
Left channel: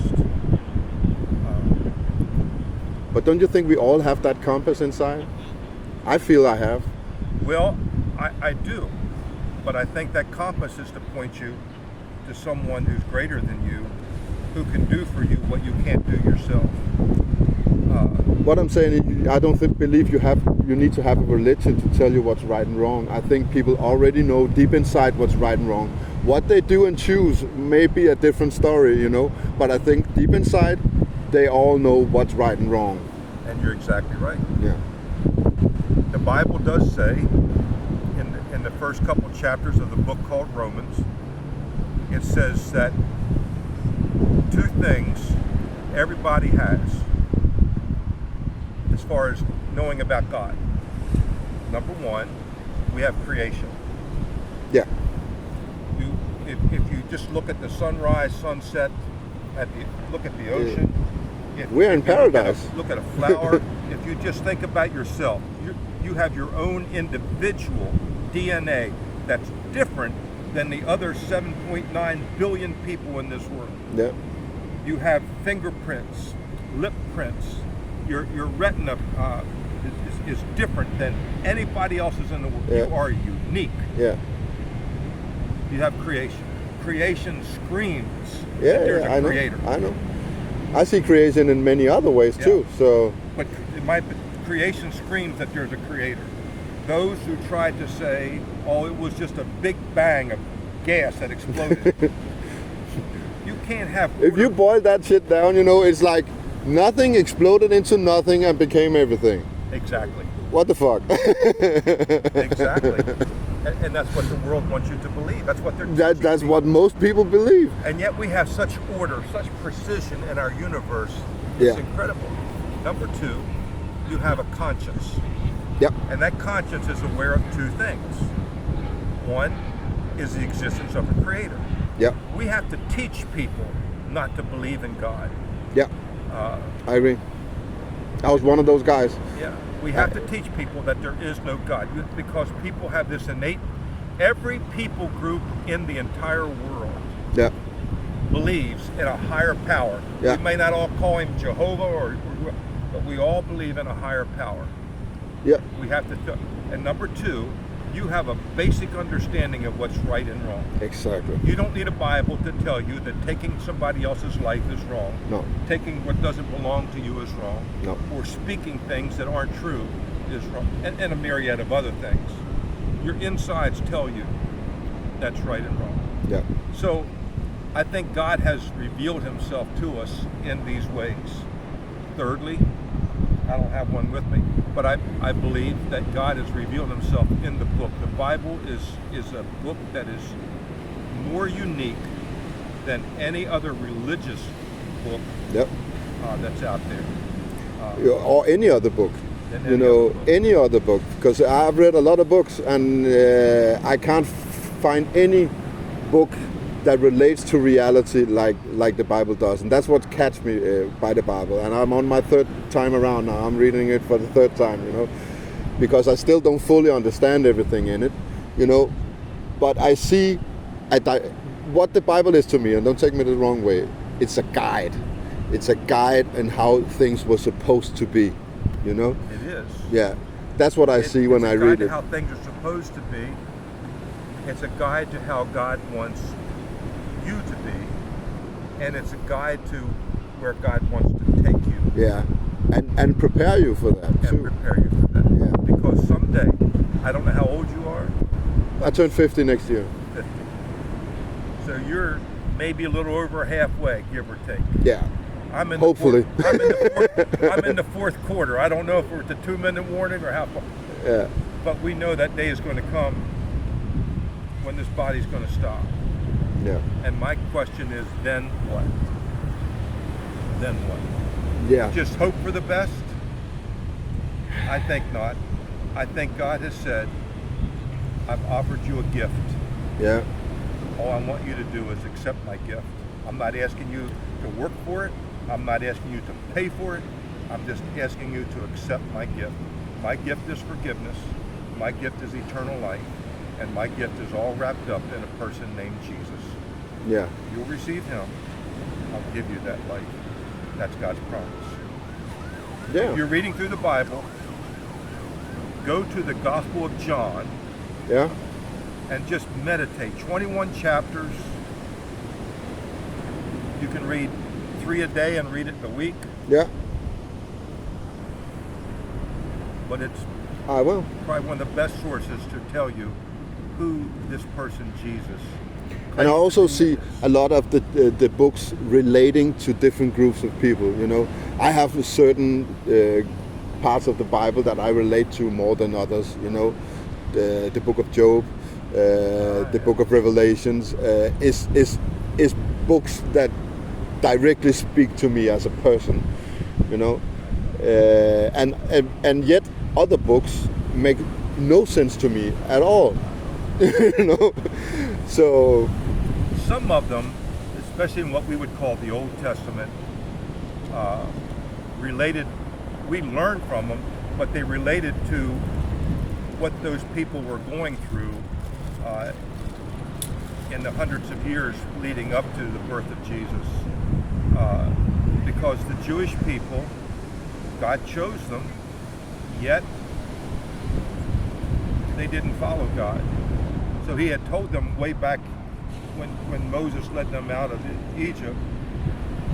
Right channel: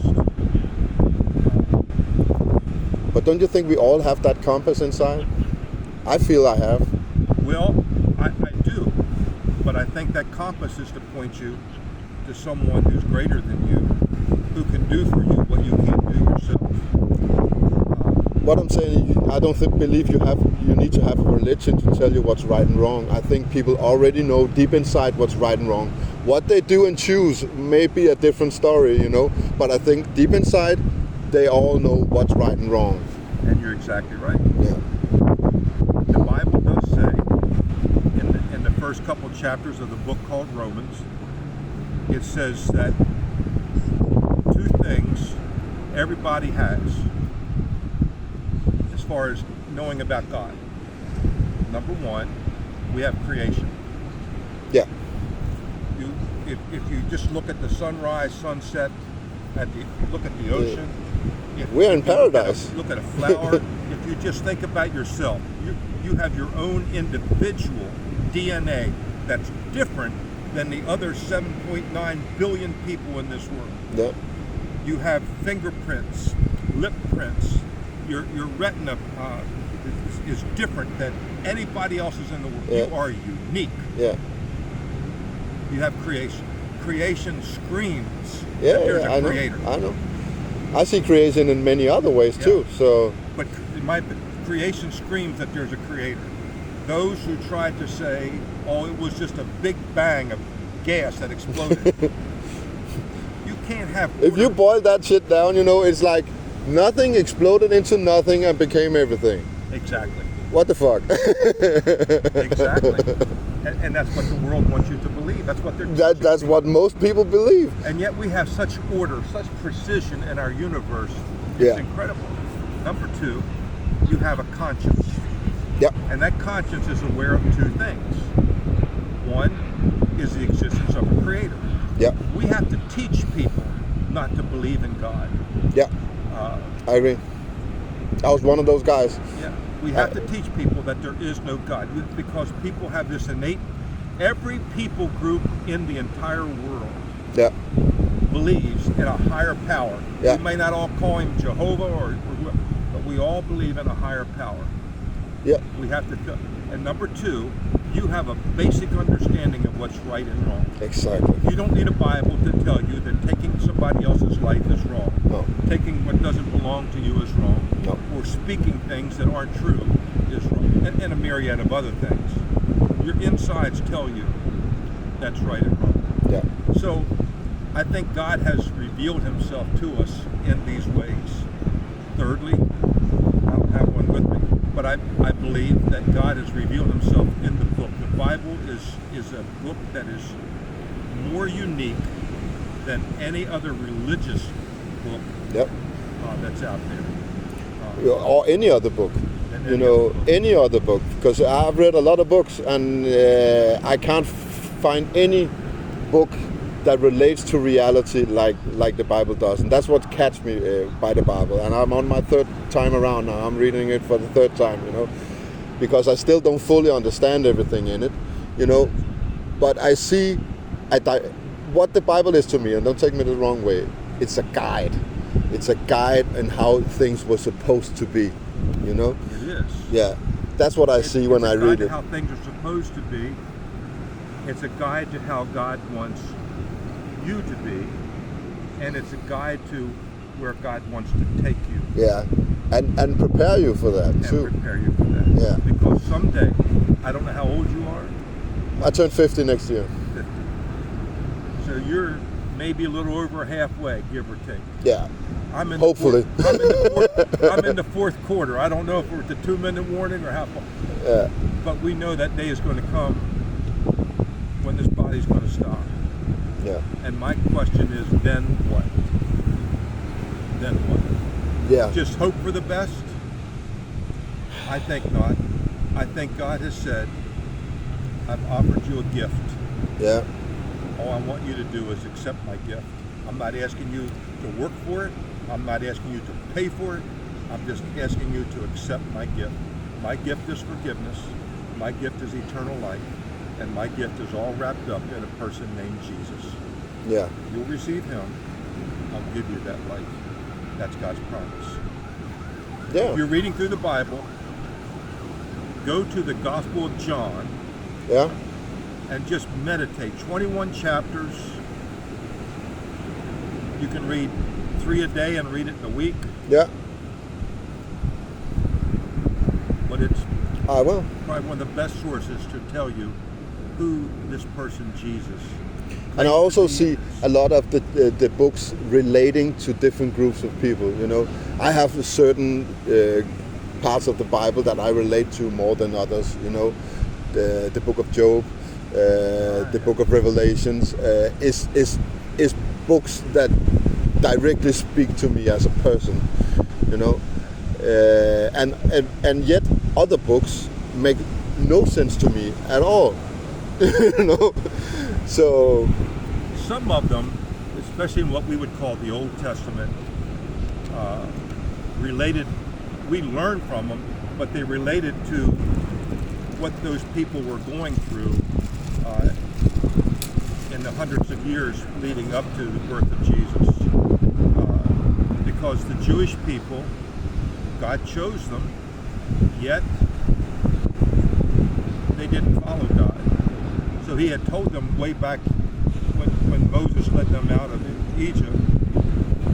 But don't you think we all have that compass inside? I feel I have. Well, I do. But I think that compass is to point you to someone who's greater than you, who can do for you what you can't do yourself. What I'm saying is, I don't believe you need to have a religion to tell you what's right and wrong. I think people already know deep inside what's right and wrong. What they do and choose may be a different story, you know. But I think deep inside, they all know what's right and wrong. And you're exactly right. Yeah. The Bible does say, in the first couple chapters of the book called Romans, it says that 2 things everybody has as far as knowing about God. Number 1, we have creation. Yeah. If you just look at the sunrise, sunset, look at the ocean. We're in paradise. Look at a flower. If you just think about yourself, you have your own individual DNA that's different than the other 7.9 billion people in this world. Yeah. You have fingerprints, lip prints. Your retina is different than anybody else's in the world. Yeah. You are unique. Yeah. You have creation. creation screams Yeah, that there's yeah, a I know. creator. I know. I see creation in many other ways Yeah. too. So But creation screams that there's a creator. Those who tried to say, oh, it was just a big bang of gas that exploded. You can't have if you order. boil that shit down, you know, it's like nothing exploded into nothing and became everything. Exactly. What the fuck? Exactly. And that's what the world wants you to believe. That's what they're That's what most people believe. And yet we have such order, such precision in our universe. It's Yeah. incredible. Number two, you have a conscience. Yep. And that conscience is aware of two things. One is the existence of a creator. Yep. We have to teach people not to believe in God. Yep. I agree. I was one of those guys. Yeah. We have to teach people that there is no God because people have this innate, every people group in the entire world Yeah. believes in a higher power. Yeah. We may not all call him Jehovah but we all believe in a higher power. Yeah. We have to, and number two, you have a basic understanding of what's right and wrong. Exactly. You don't need a Bible to tell you that taking somebody else's life is wrong. No. Taking what doesn't belong to you is wrong. No. Or speaking things that aren't true is wrong. And a myriad of other things. Your insides tell you that's right and wrong. Yeah. So I think God has revealed himself to us in these ways. Thirdly, I don't have one with me, but I believe that God has revealed himself in the book. The Bible is a book that is more unique than any other religious book Yep. that's out there. Or any other book. Than You any know, other book. any other book. Because I've read a lot of books and I can't find any book that relates to reality like the Bible does. And that's what catches me by the Bible. And I'm on my third time around now. I'm reading it for the third time, you know, because I still don't fully understand everything in it, you know. But I see what the Bible is to me, and don't take me the wrong way, it's a guide. It's a guide on how things were supposed to be, you know. It is. Yeah, that's what I see when I read It's a guide it. to how things are supposed to be. It's a guide to how God wants you to be, and it's a guide to where God wants to take you Yeah, and prepare you for that and too. prepare you for that. Yeah. Because someday, I don't know how old you are, I turn 50 next year. 50. So you're maybe a little over halfway, give or take. Yeah, I'm in Hopefully. I'm in the fourth quarter. I don't know if we're at the 2-minute warning or how far, yeah, but we know that day is going to come when this body's going to stop. yeah, And my question is, then what? Then what? yeah. Just hope for the best? I think not. I think God has said, I've offered you a gift. Yeah, All I want you to do is accept my gift. I'm not asking you to work for it. I'm not asking you to pay for it. I'm just asking you to accept my gift. My gift is forgiveness. My gift is eternal life. And my gift is all wrapped up in a person named Jesus. yeah, If you'll receive him, I'll give you that life. That's God's promise. If yeah, you're reading through the Bible, go to the Gospel of John yeah, and just meditate. 21 chapters. You can read 3 a day and read it in a week, yeah. but it's I will. probably one of the best sources to tell you who this person Jesus And I claims also to be see is. a lot of the books relating to different groups of people. You know, I have certain parts of the Bible that I relate to more than others. You know, the Book of Job, the Book of Revelations is books that directly speak to me as a person. You know, and yet other books make no sense to me at all. You know, so. Some of them, especially in what we would call the Old Testament, related, we learned from them, but they related to what those people were going through in the hundreds of years leading up to the birth of Jesus. Because the Jewish people, God chose them, yet they didn't follow God. So he had told them way back when Moses led them out of Egypt,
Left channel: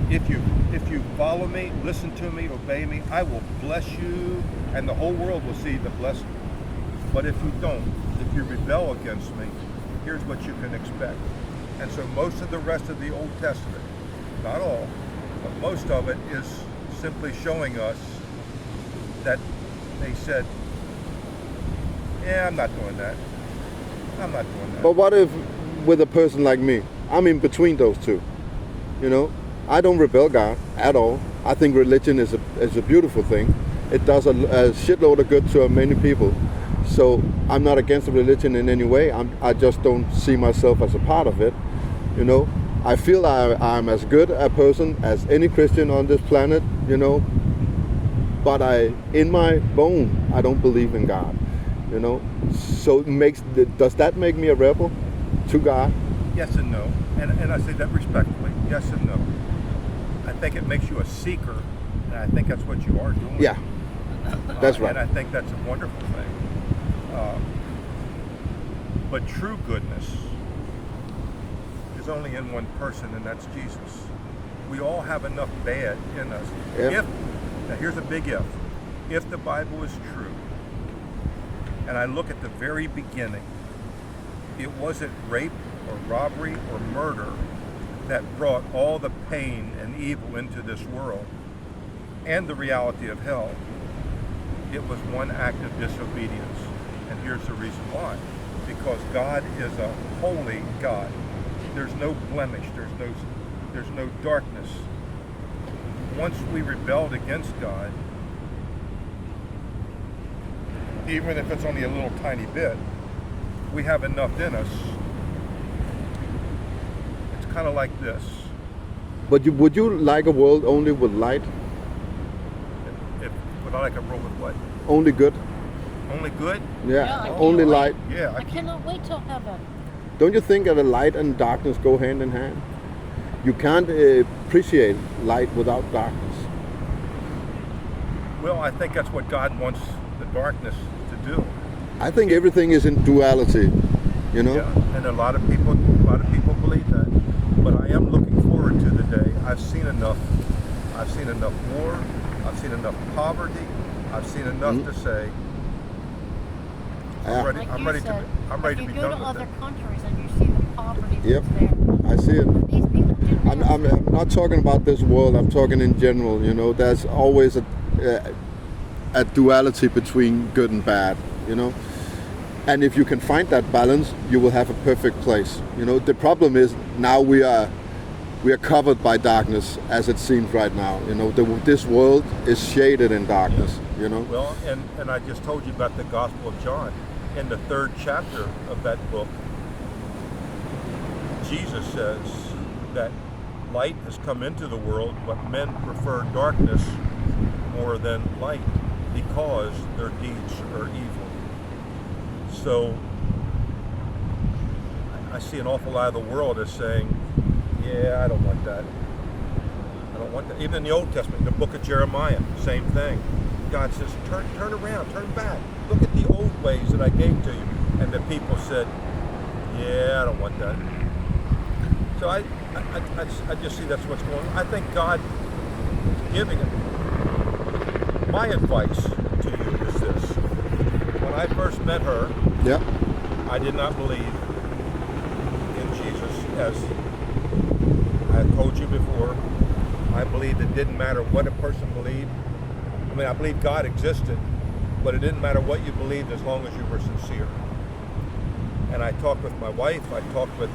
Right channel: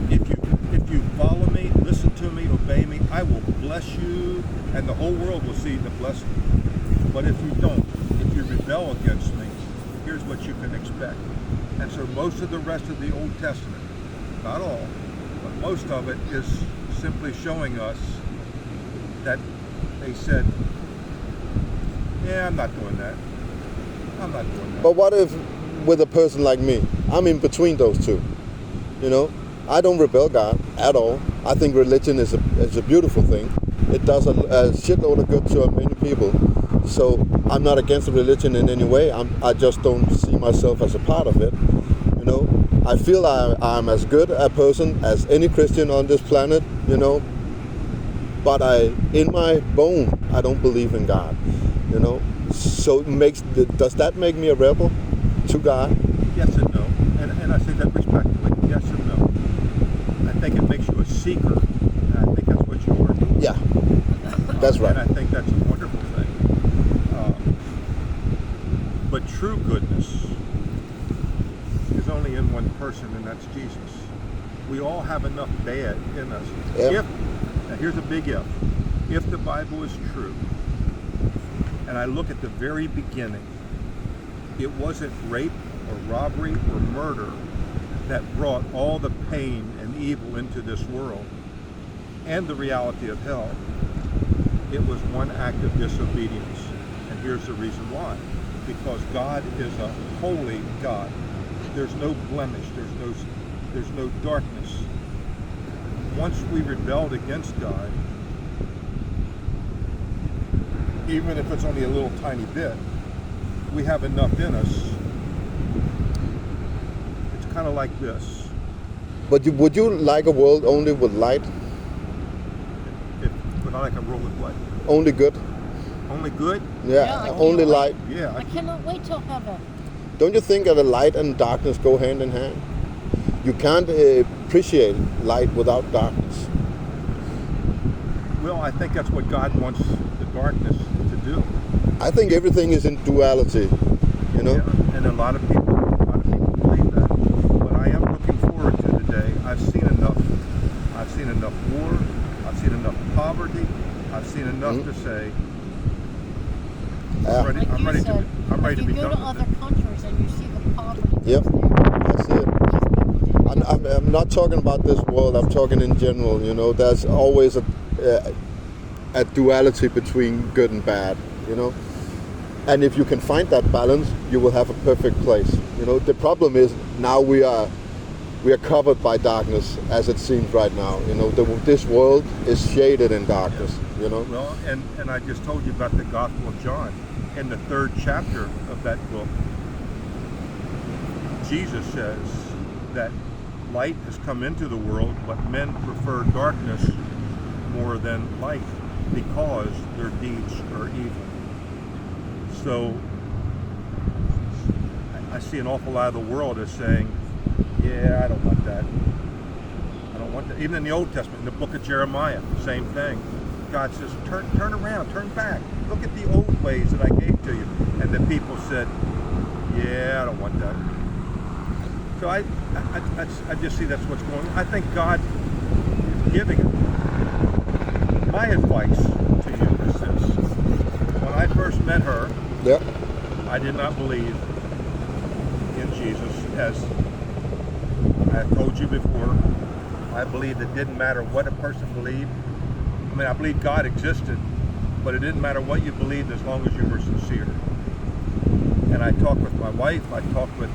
if you follow me, listen to me, obey me, I will bless you, and the whole world will see the blessing. But if you don't, if you rebel against me, here's what you can expect. And so most of the rest of the Old Testament, not all, but most of it is simply showing us that they said, yeah, I'm not doing that. I'm not doing that. But what if with a person like me, I'm in between those two? You know, I don't rebel God at all. I think religion is a beautiful thing. It does a shitload of good to many people. So I'm not against religion in any way. I just don't see myself as a part of it. You know, I feel I'm as good a person as any Christian on this planet. You know, but in my bone, I don't believe in God. You know, so does that make me a rebel to God? Yes and no, and I say that respectfully. Yes and no. I think it makes you a seeker, and I think that's what you are doing. Yeah, that's right. And I think that's a wonderful thing. But true goodness is only in one person, and that's Jesus. We all have enough bad in us. Yeah. Now here's a big if. If the Bible is true, and I look at the very beginning, it wasn't rape or robbery or murder that brought all the pain and evil into this world and the reality of hell. It was one act of disobedience. And here's the reason why. Because God is a holy God. There's no blemish, there's no darkness. Once we rebelled against God, even if it's only a little tiny bit, we have enough in us. It's kind of like this. But would you like a world only with light? Would I like a world with what? Only good? Only good? Yeah, Yeah, only light. Yeah. I cannot wait till heaven. Don't you think that the light and darkness go hand in hand? You can't appreciate light without darkness. Well, I think that's what God wants the darkness to do. I think everything is in duality, you know? Yeah, and a lot of people believe that. But I am looking forward to the day. I've seen enough war, I've seen enough poverty, I've seen enough to say, Yeah. Like I'm you ready said, I'm ready to if be you go done to with other it. countries and you see the poverty Yep. that's there, I see it. these people didn't have I'm not talking about this world, I'm talking in general, you know? There's always a duality between good and bad, you know? And if you can find that balance, you will have a perfect place. You know, the problem is now we are covered by darkness as it seems right now. You know, this world is shaded in darkness, you know? Well, and I just told you about the Gospel of John. In the 3rd chapter of that book, Jesus says that light has come into the world, but men prefer darkness more than light because their deeds are evil. So I see an awful lot of the world as saying, yeah, I don't want that. I don't want that. Even in the Old Testament, in the book of Jeremiah, same thing. God says, turn around, turn back. Look at the old ways that I gave to you. And the people said, yeah, I don't want that. So I just see that's what's going on. I think God is giving it. My advice to you is this. When I first met her, Yeah. I did not believe in Jesus. As I have told you before, I believed it didn't matter what a person believed. I mean, I believed God existed, but it didn't matter what you believed as long as you were sincere. And I talked with my wife, I talked with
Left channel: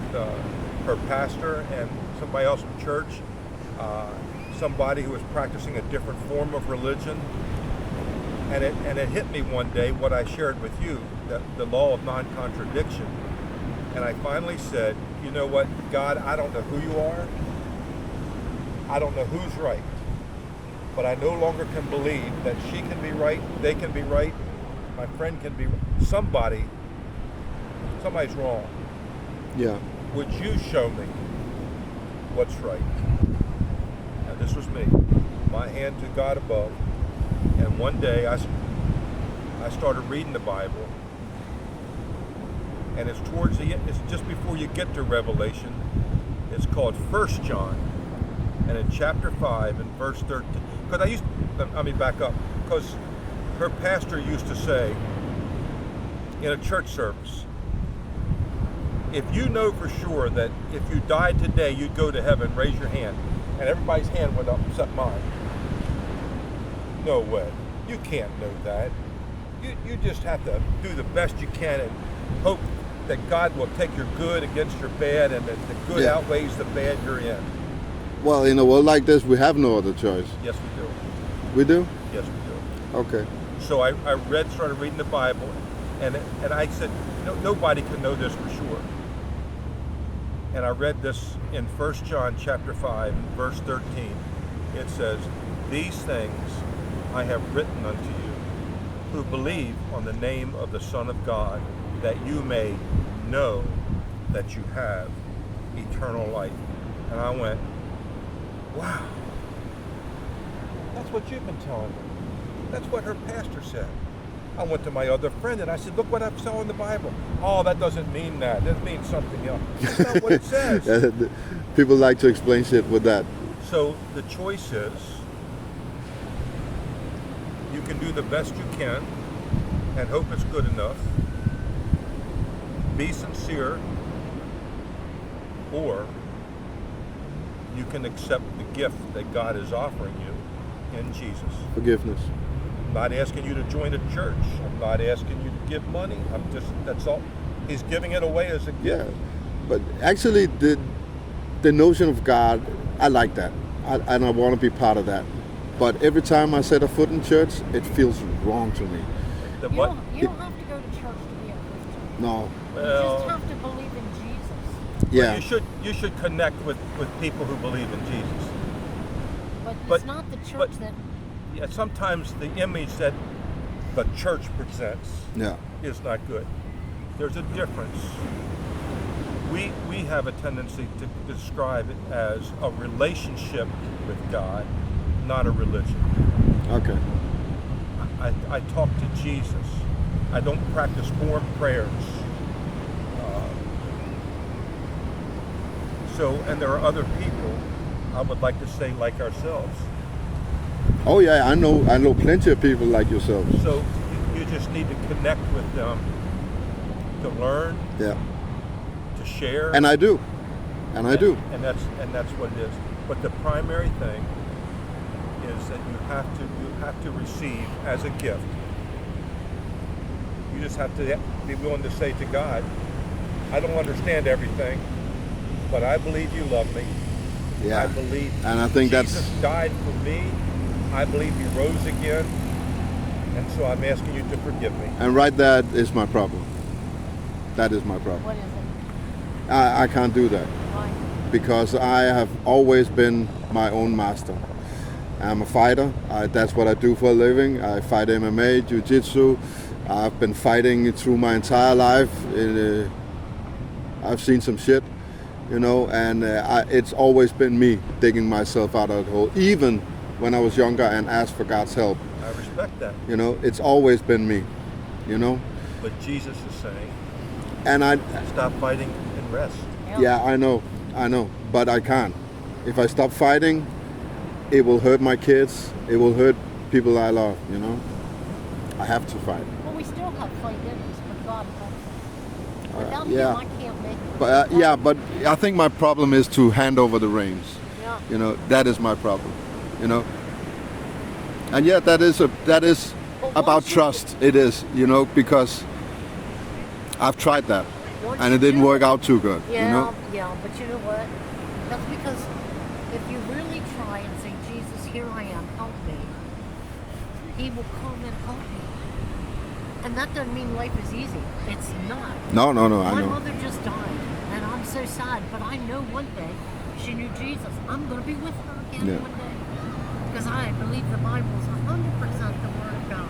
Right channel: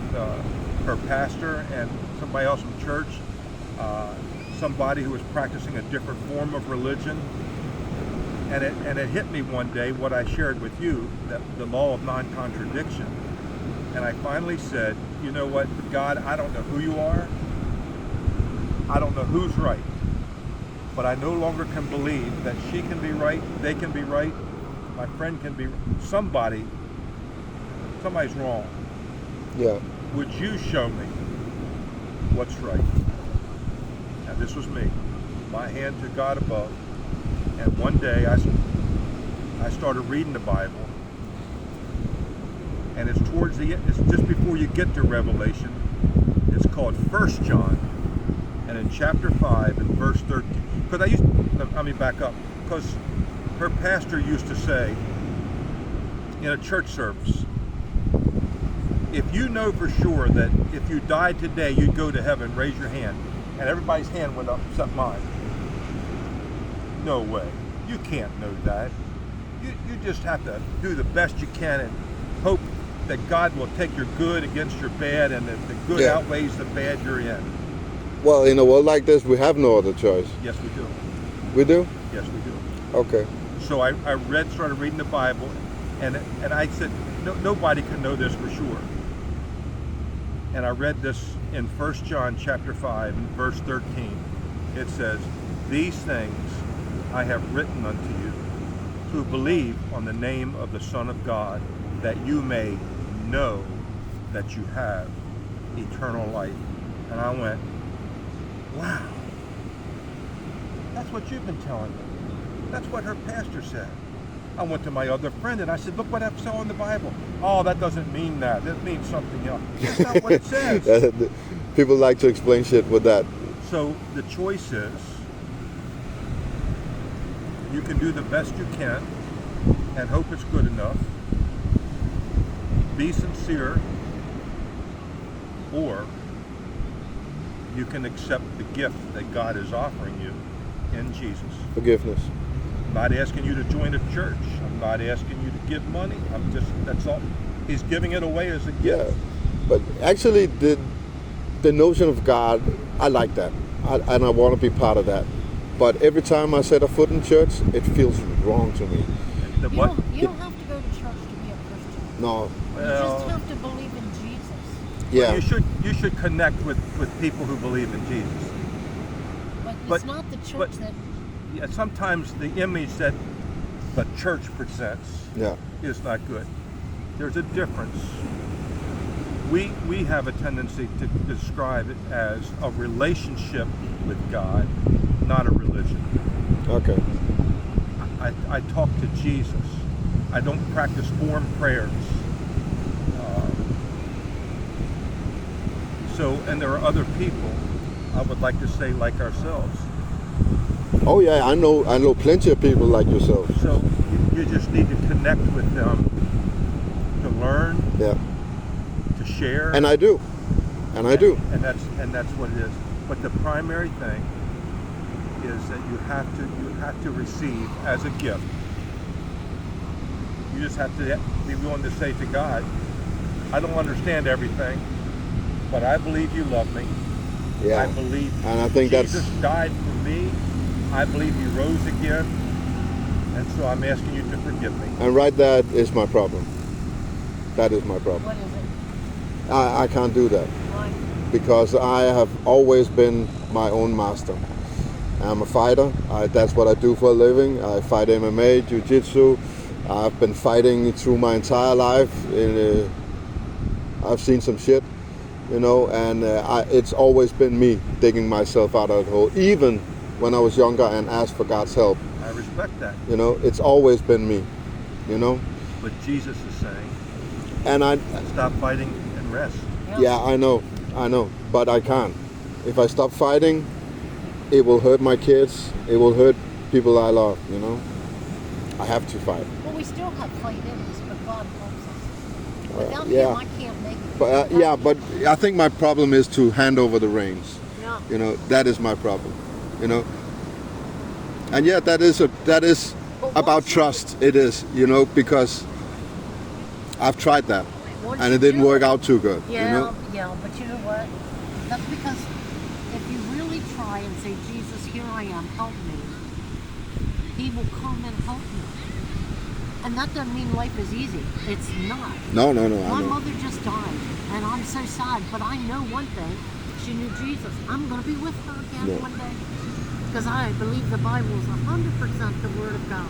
her pastor and somebody else from church, somebody who was practicing a different form of religion. And it hit me one day what I shared with you, that the law of non-contradiction. And I finally said, you know what, God, I don't know who you are. I don't know who's right. But I no longer can believe that she can be right, they can be right, my friend can be right. Somebody's wrong. Yeah. Would you show me what's right? And this was me, my hand to God above. And one day I started reading the Bible, and it's towards the end. It's just before you get to Revelation. It's called 1 John, and in chapter 5 and verse 13. Because let me back up. Because her pastor used to say in a church service, if you know for sure that if you died today you'd go to heaven, raise your hand. And everybody's hand went up except mine. No way. You can't know that. You just have to do the best you can and hope that God will take your good against your bad, and that the good Yeah. outweighs the bad you're in. Well, in a world like this, we have no other choice. Yes, we do. We do? Yes, we do. Okay. So I started reading the Bible, and I said, no, nobody can know this for sure. And I read this in 1 John chapter 5, verse 13. It says, these things I have written unto you, who believe on the name of the Son of God, that you may know that you have eternal life. And I went, wow, that's what you've been telling me. That's what her pastor said. I went to my other friend and I said, look what I saw in the Bible. Oh, that doesn't mean that. That means something else. That's not what it says. People like to explain shit with that. So the choice is, you can do the best you can and hope it's good enough. Be sincere, or you can accept the gift that God is offering you in Jesus. Forgiveness. I'm not asking you to join a church. I'm not asking you to give money. That's all. He's giving it away as a gift. Yeah. But actually, the notion of God, I like that. And I want to be part of that. But every time I set a foot in church, it feels wrong to me. The You what? don't have to go to church to be a Christian. No. You Well, just have to believe in Jesus. Yeah. you should connect with people who believe in Jesus. But it's not the church that... Yeah, sometimes the image that the church presents Yeah. is not good. There's a difference. We have a tendency to describe it as a relationship with God, not a religion. Okay. I talk to Jesus. I don't practice form prayers. And there are other people, I would like to say, like ourselves. Oh yeah, I know plenty of people like yourself. So you just need to connect with them to learn, Yeah. to share. And I do. And I do. And that's what it is. But the primary thing is that you have to receive as a gift. You just have to be willing to say to God, I don't understand everything, but I believe you love me. Yeah. I believe And I think Jesus died for me. I believe he rose again. And so I'm asking you to forgive me. And right, that is my problem. That is my problem. What is it? I can't do that Why? because I have always been my own master. I'm a fighter. That's what I do for a living. I fight MMA, jiu-jitsu. I've been fighting through my entire life. I've seen some shit, and it's always been me digging myself out of the hole, even when I was younger and asked for God's help. I respect that. It's always been me, But Jesus is saying, And stop fighting and rest. yeah, I know, but I can't. If I stop fighting, it will hurt my kids. It will hurt people I love, I have to fight. Well, we still have fight in us, but God helps us. Without yeah. him, I can't make it. But but I think my problem is to hand over the reins. Yeah. That is my problem. And yeah, that is about once you- trust. It is, because I've tried that, Once and you it didn't do work it- out too good. Yeah, but you know what? That's because if you really try and say, Jesus, here I am, help me, he will come and help you. And that doesn't mean life is easy. It's not. No, I My know. mother just died, and I'm so sad, but I know one thing. She knew Jesus. I'm going to be with her again Yeah. one day. Because I believe the Bible is 100% the Word of God.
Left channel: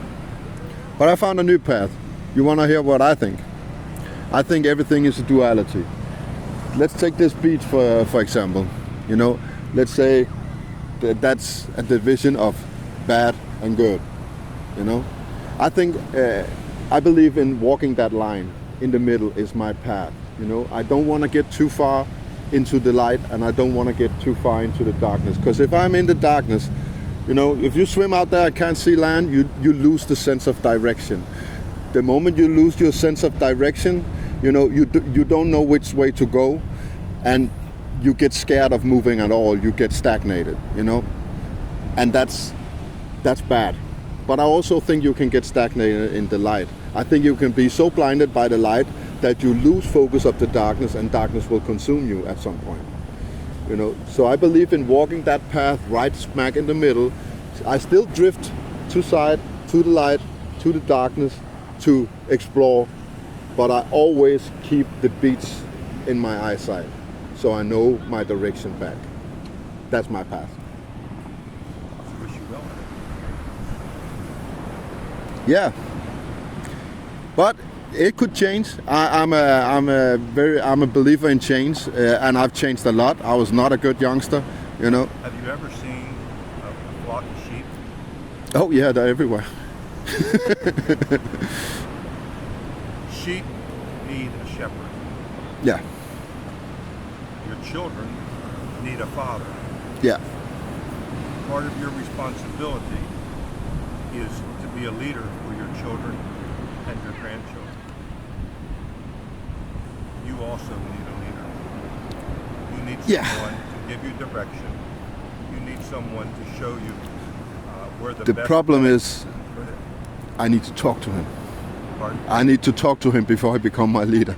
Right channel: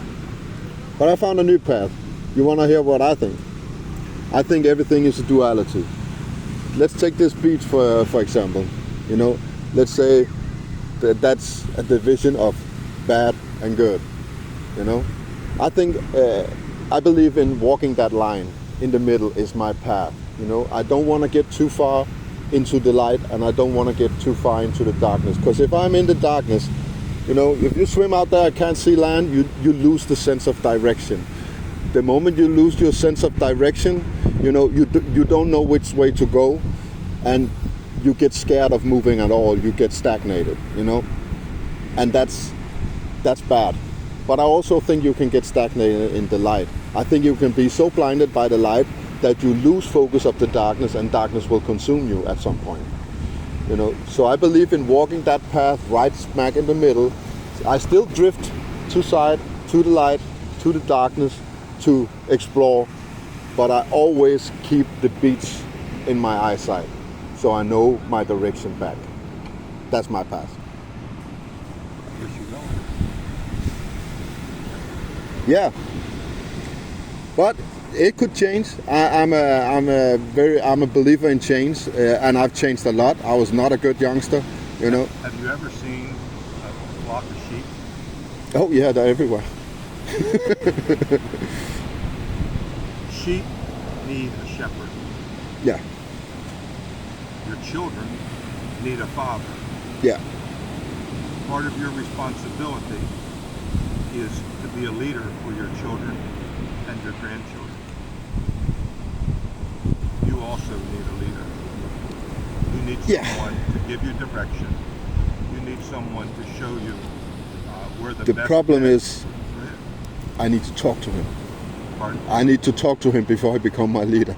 But I found a new path. You want to hear what I think? I think everything is a duality. Let's take this beach for example. Let's say that's a division of bad and good. I think I believe in walking that line in the middle is my path. You know, I don't want to get too far into the light, and I don't want to get too far into the darkness. Because if I'm in the darkness, you know, if you swim out there, I can't see land, you lose the sense of direction. The moment you lose your sense of direction, you know, you don't know which way to go, and you get scared of moving at all. You get stagnated, you know, and that's bad. But I also think you can get stagnated in the light. I think you can be so blinded by the light that you lose focus of the darkness, and darkness will consume you at some point. You know, so I believe in walking that path right smack in the middle. I still drift to side, to the light, to the darkness, to explore, but I always keep the beats in my eyesight, so I know my direction back. That's my path. Wish you well on it. Yeah, but it could change. I'm a believer in change, and I've changed a lot. I was not a good youngster, you know. Have you ever seen a flock of sheep? Oh yeah, they're everywhere. Sheep need a shepherd. Yeah, Your children need a father. yeah, Part of your responsibility is to be a leader for your children and your grandchildren. You also need a leader. You need Yeah. someone to give you direction. You need someone to show you where the the best problem way- is Go ahead. I need to talk to him. Pardon? I need to talk to him before I become my leader.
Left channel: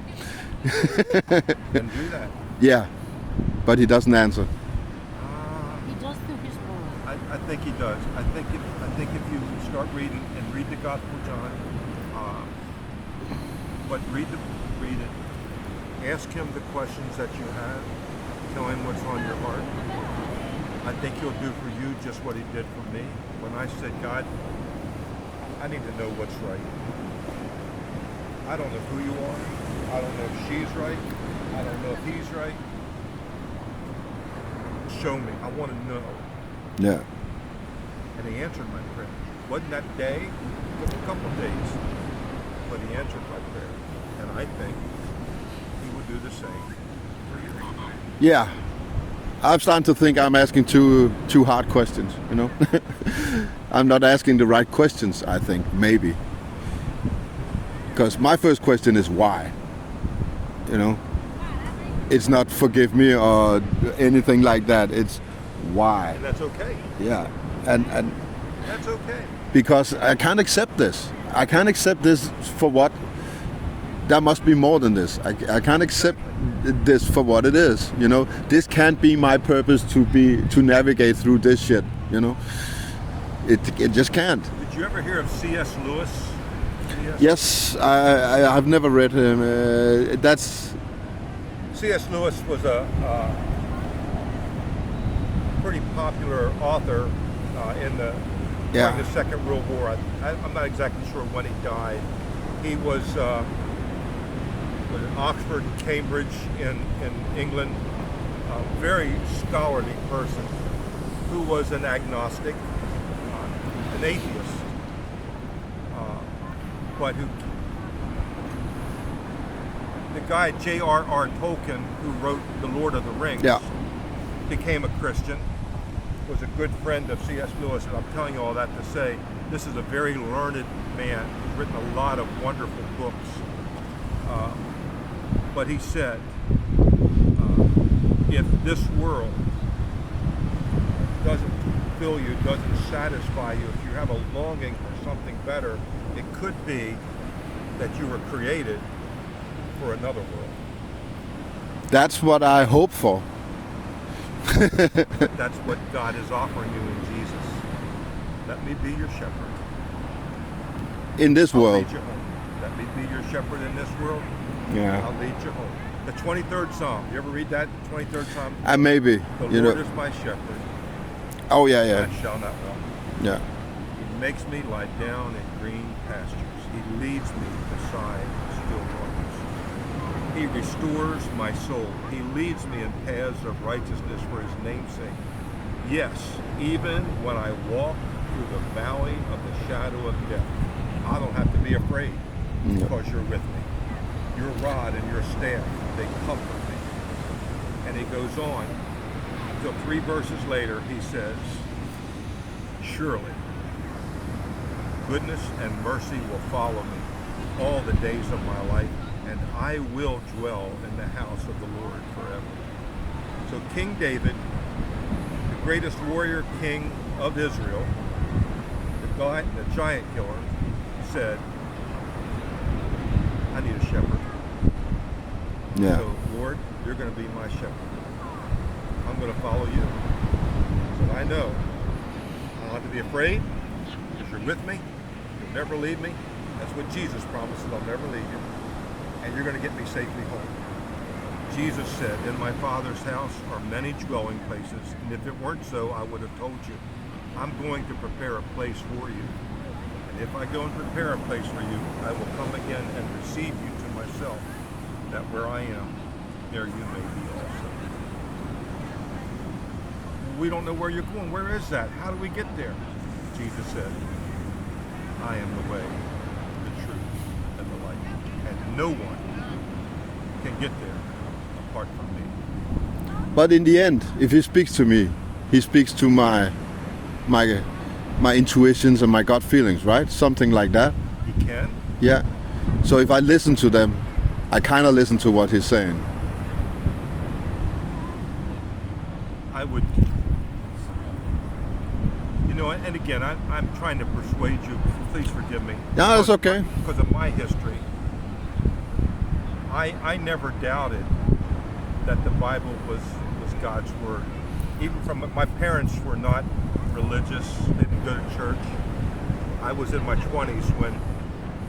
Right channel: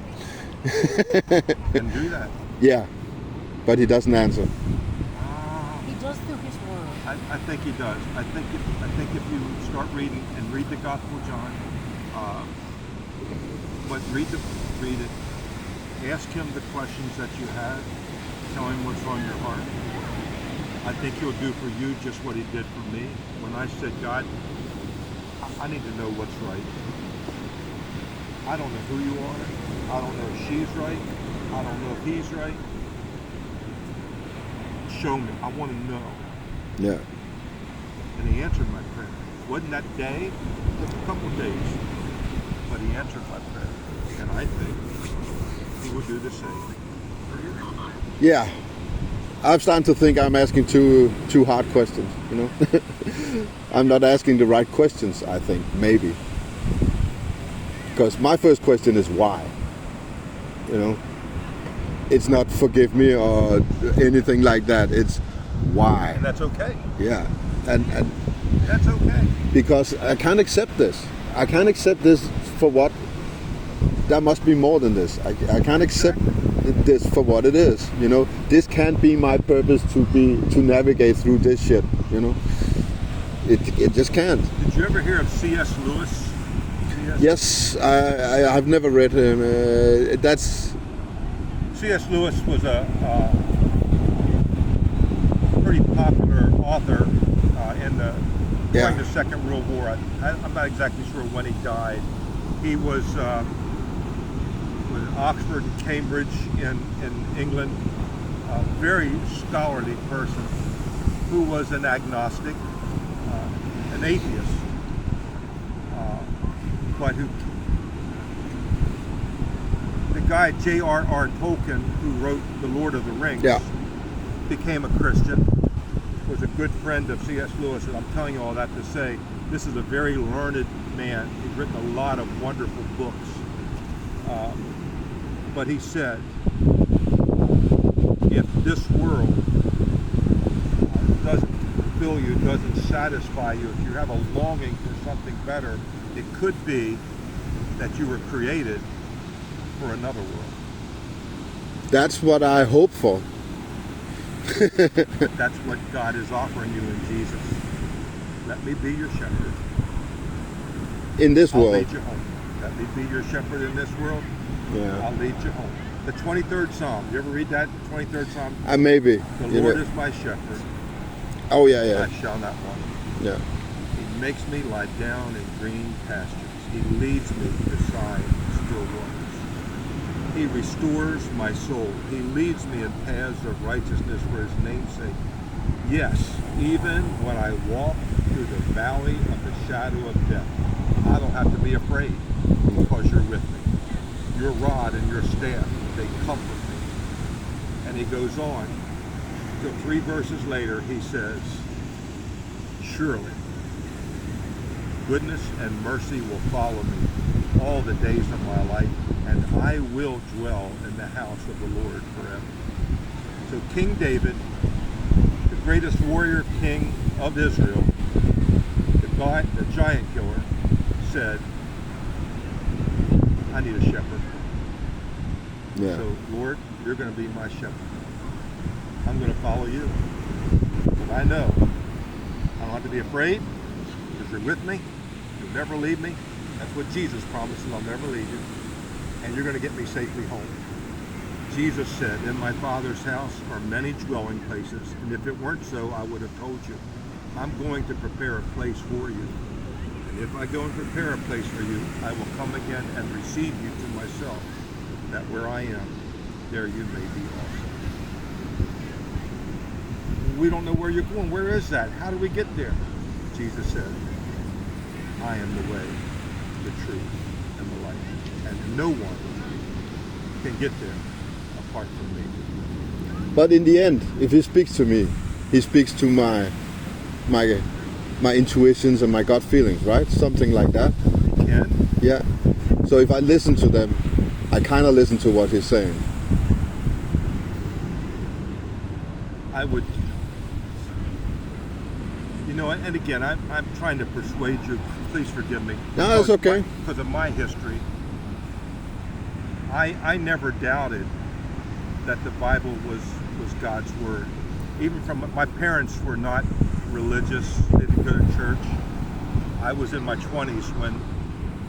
And do that. Yeah, but he doesn't answer. He does through his word. I think he does. I think if you start reading and read the Gospel of John, but read it. Ask him the questions that you have. Tell him what's on your heart. I think he'll do for you just what he did for me. When I said, God, I need to know what's right. I don't know who you are. I don't know if she's right. I don't know if he's right. Show me. I want to know. Yeah, And he answered my prayer. Wasn't that day? It was a couple of days. But he answered my prayer. And I think he will do the same for you. yeah. I'm starting to think I'm asking too hard questions. You know, I'm not asking the right questions. I think maybe because my first question is why. You know, it's not forgive me or anything like that. It's why. And that's okay. Yeah, and That's okay. because I can't accept this. I can't accept this for what. There must be more than this. I can't accept this for what it is. You know, this can't be my purpose to navigate through this shit. You know, it just can't. Did you ever hear of C.S. Lewis? Yes, I've never read him. That's C.S. Lewis was a pretty popular author during the Second World War. I'm not exactly sure when he died. He was in Oxford, Cambridge in England, a very scholarly person who was an agnostic, an atheist, but who the guy J.R.R. Tolkien, who wrote The Lord of the Rings, became a Christian, was a good friend of C.S. Lewis, and I'm telling you all that to say this is a very learned man who's written a lot of wonderful books. But he said, if this world doesn't fill you, doesn't satisfy you, if you have a longing for something better, it could be that you were created for another world. that's what I hope for. But that's what God is offering you in Jesus. Let me be your shepherd. In this I'll world. lead you home. Let me be your shepherd in this world. Yeah. I'll lead you home. The 23rd Psalm. You ever read that? 23rd Psalm? Maybe. The You Lord know. is my shepherd. Oh yeah. I shall not want. Yeah. He makes me lie down in green pastures. He leads me beside still waters. He restores my soul. He leads me in paths of righteousness for his name's sake. Yes, even when I walk through the valley of the shadow of death, I don't have to be afraid because you're with me. Your rod and your staff, they comfort me. And he goes on. Till 3 verses later, he says, surely goodness and mercy will follow me all the days of my life, and I will dwell in the house of the Lord forever. So King David, the greatest warrior king of Israel, the giant killer, said, I need a shepherd. Yeah. So, Lord, you're going to be my shepherd. I'm going to follow you. But I know I don't have to be afraid because you're with me. You'll never leave me. That's what Jesus promises. I'll never leave you. And you're going to get me safely home. Jesus said, in my Father's house are many dwelling places, and if it weren't so, I would have told you. I'm going to prepare a place for you. And if I go and prepare a place for you, I will come again and receive you to myself, that where I am, there you may be also. We don't know where you're going. Where is that? How do we get there? Jesus said, I am the way, the truth, and the light. And no one can get there apart from me. But in the end, if he speaks to me, he speaks to my intuitions and my gut feelings, right? Something like that. You can? Yeah. So if I listen to them, I kind of listen to what he's saying. I would, and again, I'm trying to persuade you, please forgive me. Yeah, that's okay. Because of my history, I never doubted that the Bible was God's Word. Even from, my parents were not religious, they didn't go to church. I was in my 20s when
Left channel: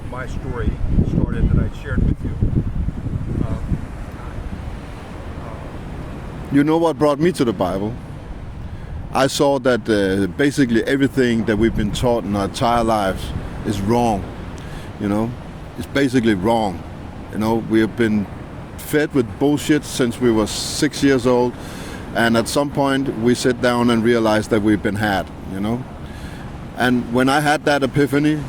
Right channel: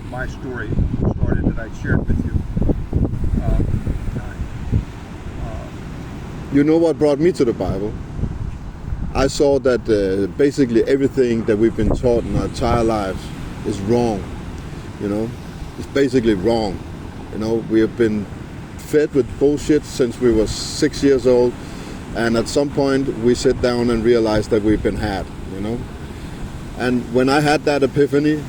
my story started that I shared with you. You know what brought me to the Bible? I saw that basically everything that we've been taught in our entire lives is wrong. It's basically wrong. We have been fed with bullshit since we were 6 years old, and at some point we sit down and realize that we've been had. And when I had that epiphany,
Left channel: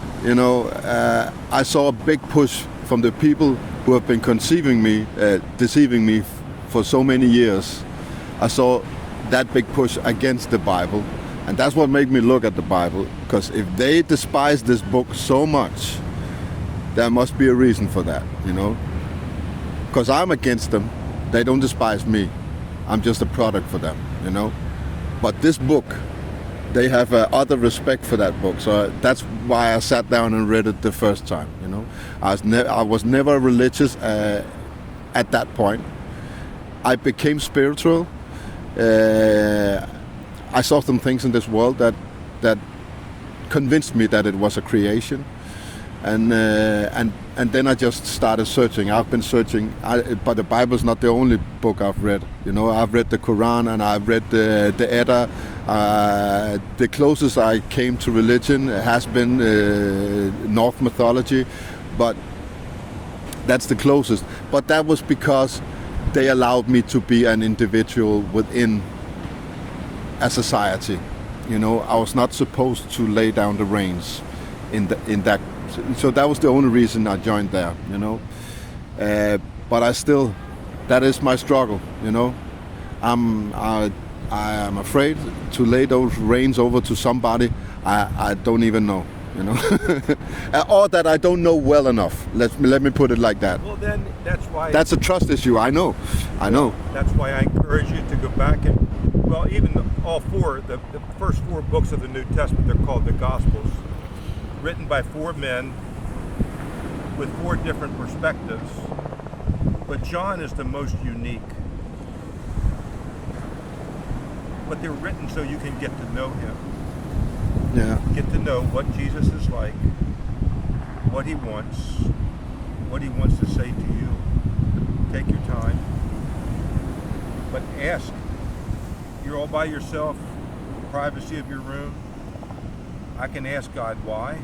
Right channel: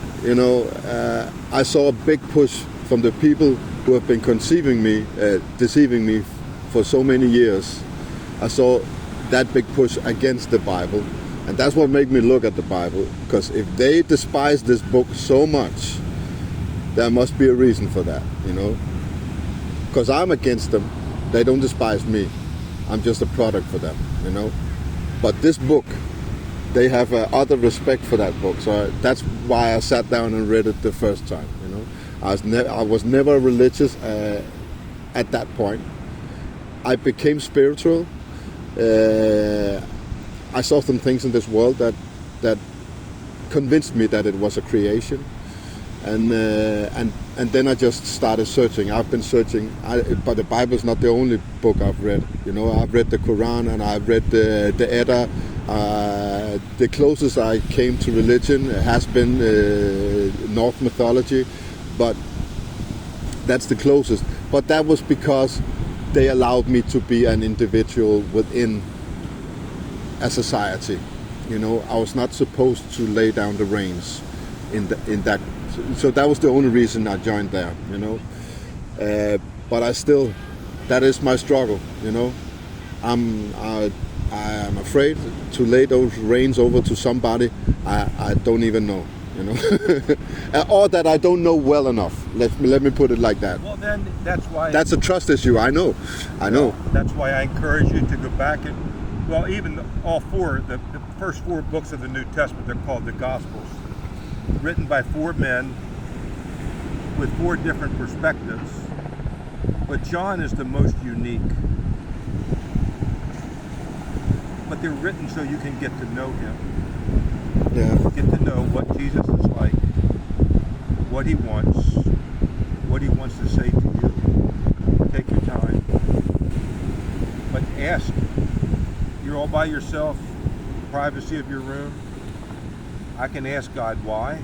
I saw a big push from the people who have been deceiving me for so many years. I saw that big push against the Bible, and that's what made me look at the Bible, because if they despise this book so much, there must be a reason for that, because I'm against them. They don't despise me. I'm just a product for them, but this book, they have utter respect for that book. So that's why I sat down and read it the first time. I was never religious at that point. I became spiritual. I saw some things in this world that convinced me that it was a creation, and then I just started searching. I've been searching, but the Bible's not the only book I've read. I've read the Quran, and I've read the Edda. The closest I came to religion has been Norse mythology, but that's the closest. But that was because they allowed me to be an individual within a society. I was not supposed to lay down the reins in that. So that was the only reason I joined there. But I still, that is my struggle. I am afraid to lay those reins over to somebody I don't even know. Or that I don't know well enough. Let me put it like that. Well, then that's why. That's a trust issue. I know. That's why I encourage you to go back and, even all four, the first 4 books of the New Testament, they're called the Gospels, written by 4 men with 4 different perspectives. But John is the most unique. But they're written so you can get to know him. Yeah. Get to know what Jesus is like, what he wants to say to you. Take your time. But ask. You're all by yourself, privacy of your room. I can ask God why.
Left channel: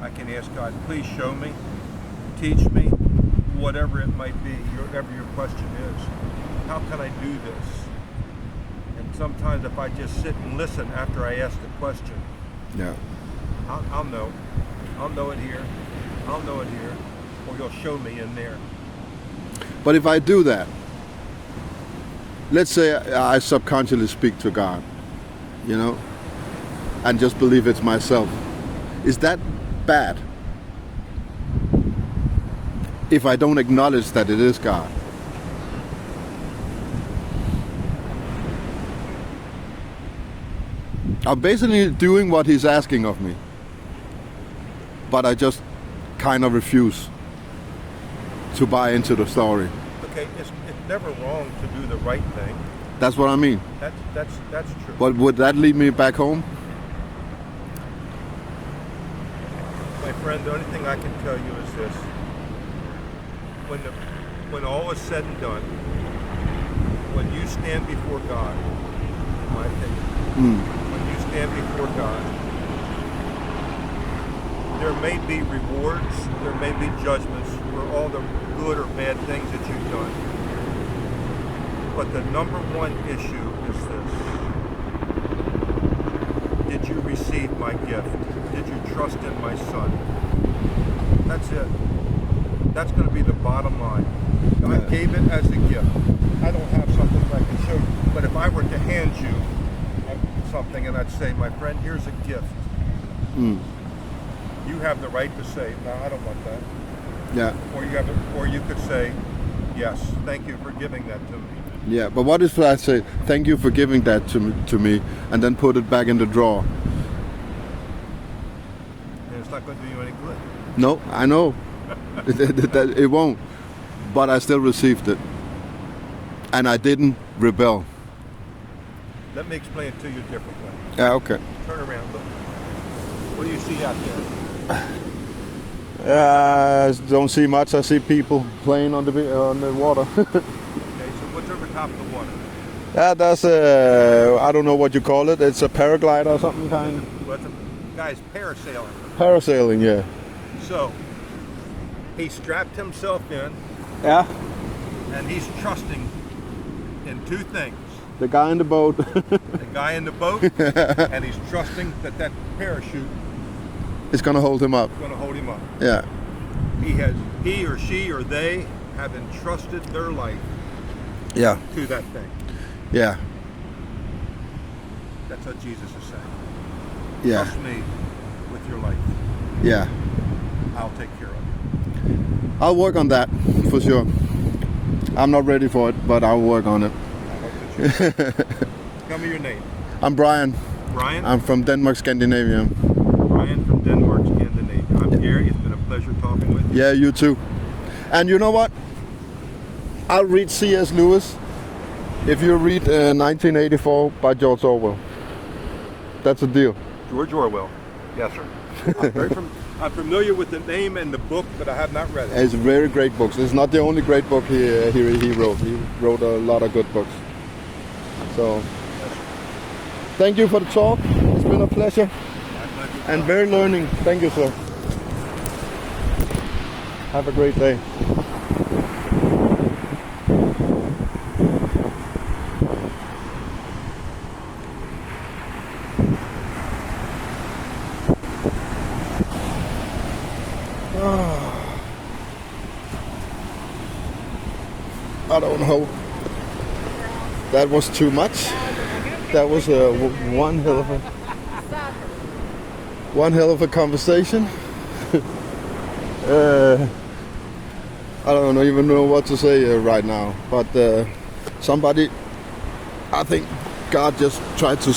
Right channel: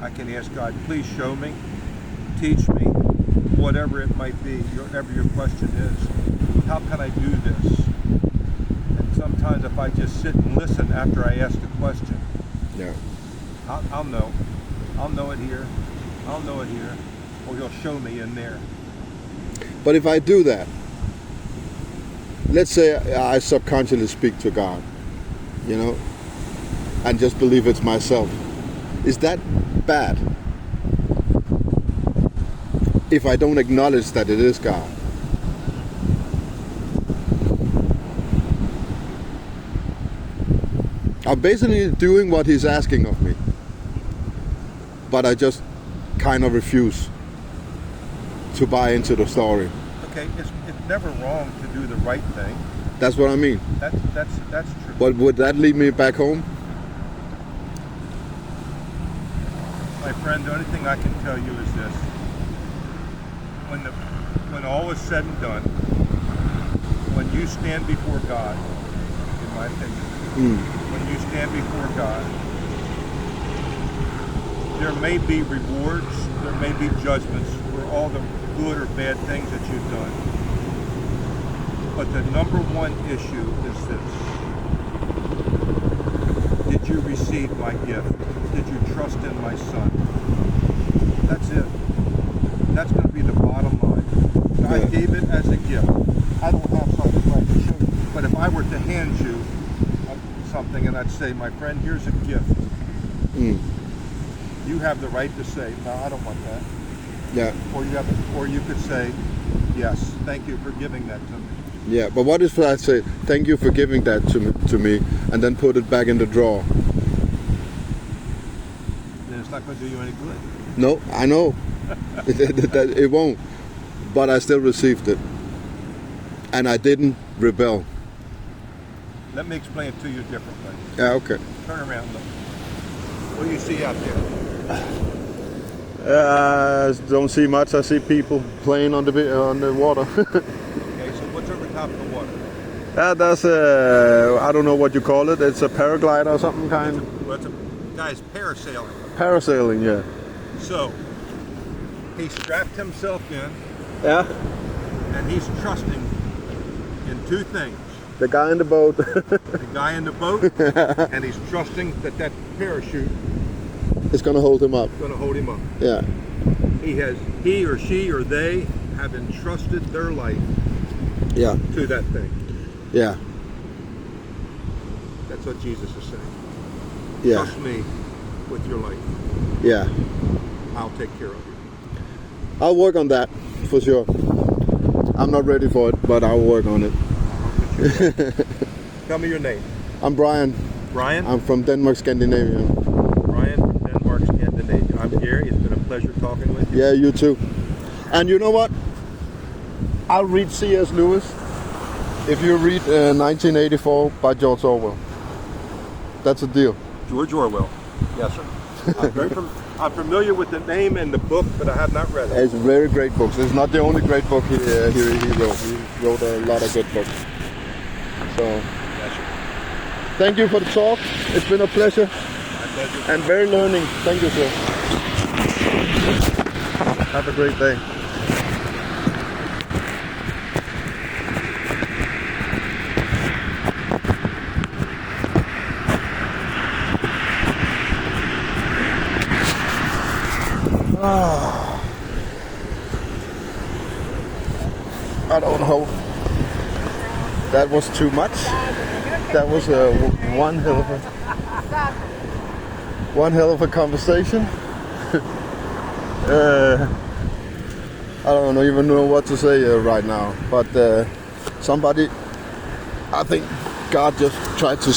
I can ask God, please show me, teach me, whatever it might be, whatever your question is. How can I do this? And sometimes if I just sit and listen after I ask the question, Yeah. I'll know. I'll know it here. I'll know it here. Or he'll show me in there. But if I do that, let's say I subconsciously speak to God, you know, and just believe it's myself. Is that bad? If I don't acknowledge that it is God. I'm basically doing what he's asking of me. But I just kind of refuse to buy into the story. Okay, it's never wrong to do the right thing. That's what I mean. That's true. But would that lead me back home? My friend, the only thing I can tell you is this. When all is said and done, when you stand before God, in my opinion, when you stand before God, there may be rewards, there may be judgments for all the good or bad things that you've done. But the number one issue is this. Did you receive my gift? Did you trust in my Son? That's it. That's going to be the bottom line. God gave it as a gift. I don't have something like to show you, but if I were to hand you something and I'd say, my friend, here's a gift. You have the right to say, no, I don't want that. Yeah. Or you could say, yes, thank you for giving that to me. Yeah, but what if I say, thank you for giving that to me, and then put it back in the drawer? Then it's not going to do you any good. No, I know. It won't. But I still received it. And I didn't rebel. Let me explain it to you differently. Yeah, okay. Turn around, look. What do you see out there? I don't see much. I see people playing on the water. Okay, so what's over top of the water? That's a, I don't know what you call it. It's a paraglider or something kind. It's a guy's parasailing. Parasailing, yeah. So, he strapped himself in, Yeah. and he's trusting in two things. The guy in the boat. The guy in the boat, and he's trusting that parachute It's gonna hold him up. is going to hold him up. Yeah. He or she or they have entrusted their life Yeah. to that thing. Yeah. That's what Jesus is saying. Yeah. Trust me with your life. Yeah. I'll take care of it. I'll work on that for sure. I'm not ready for it, but I'll work on it. Tell me your name. I'm Brian. Brian? I'm from Denmark, Scandinavia. Brian from Denmark, Scandinavia. I'm Gary. It's been a pleasure talking with you. Yeah, you too. And you know what? I'll read C.S. Lewis if you read 1984 by George Orwell. That's a deal. George Orwell. Yes, sir. I'm familiar with the name and the book, but I have not read it. It's a very great book. It's not the only great book he wrote. He wrote a lot of good books. So, thank you for the talk. It's been a pleasure. And very learning. Thank you, sir. Have a great day. I don't know. That was too much. That was one hell of a conversation. I don't even know what to say right now. But somebody, I think God just tried to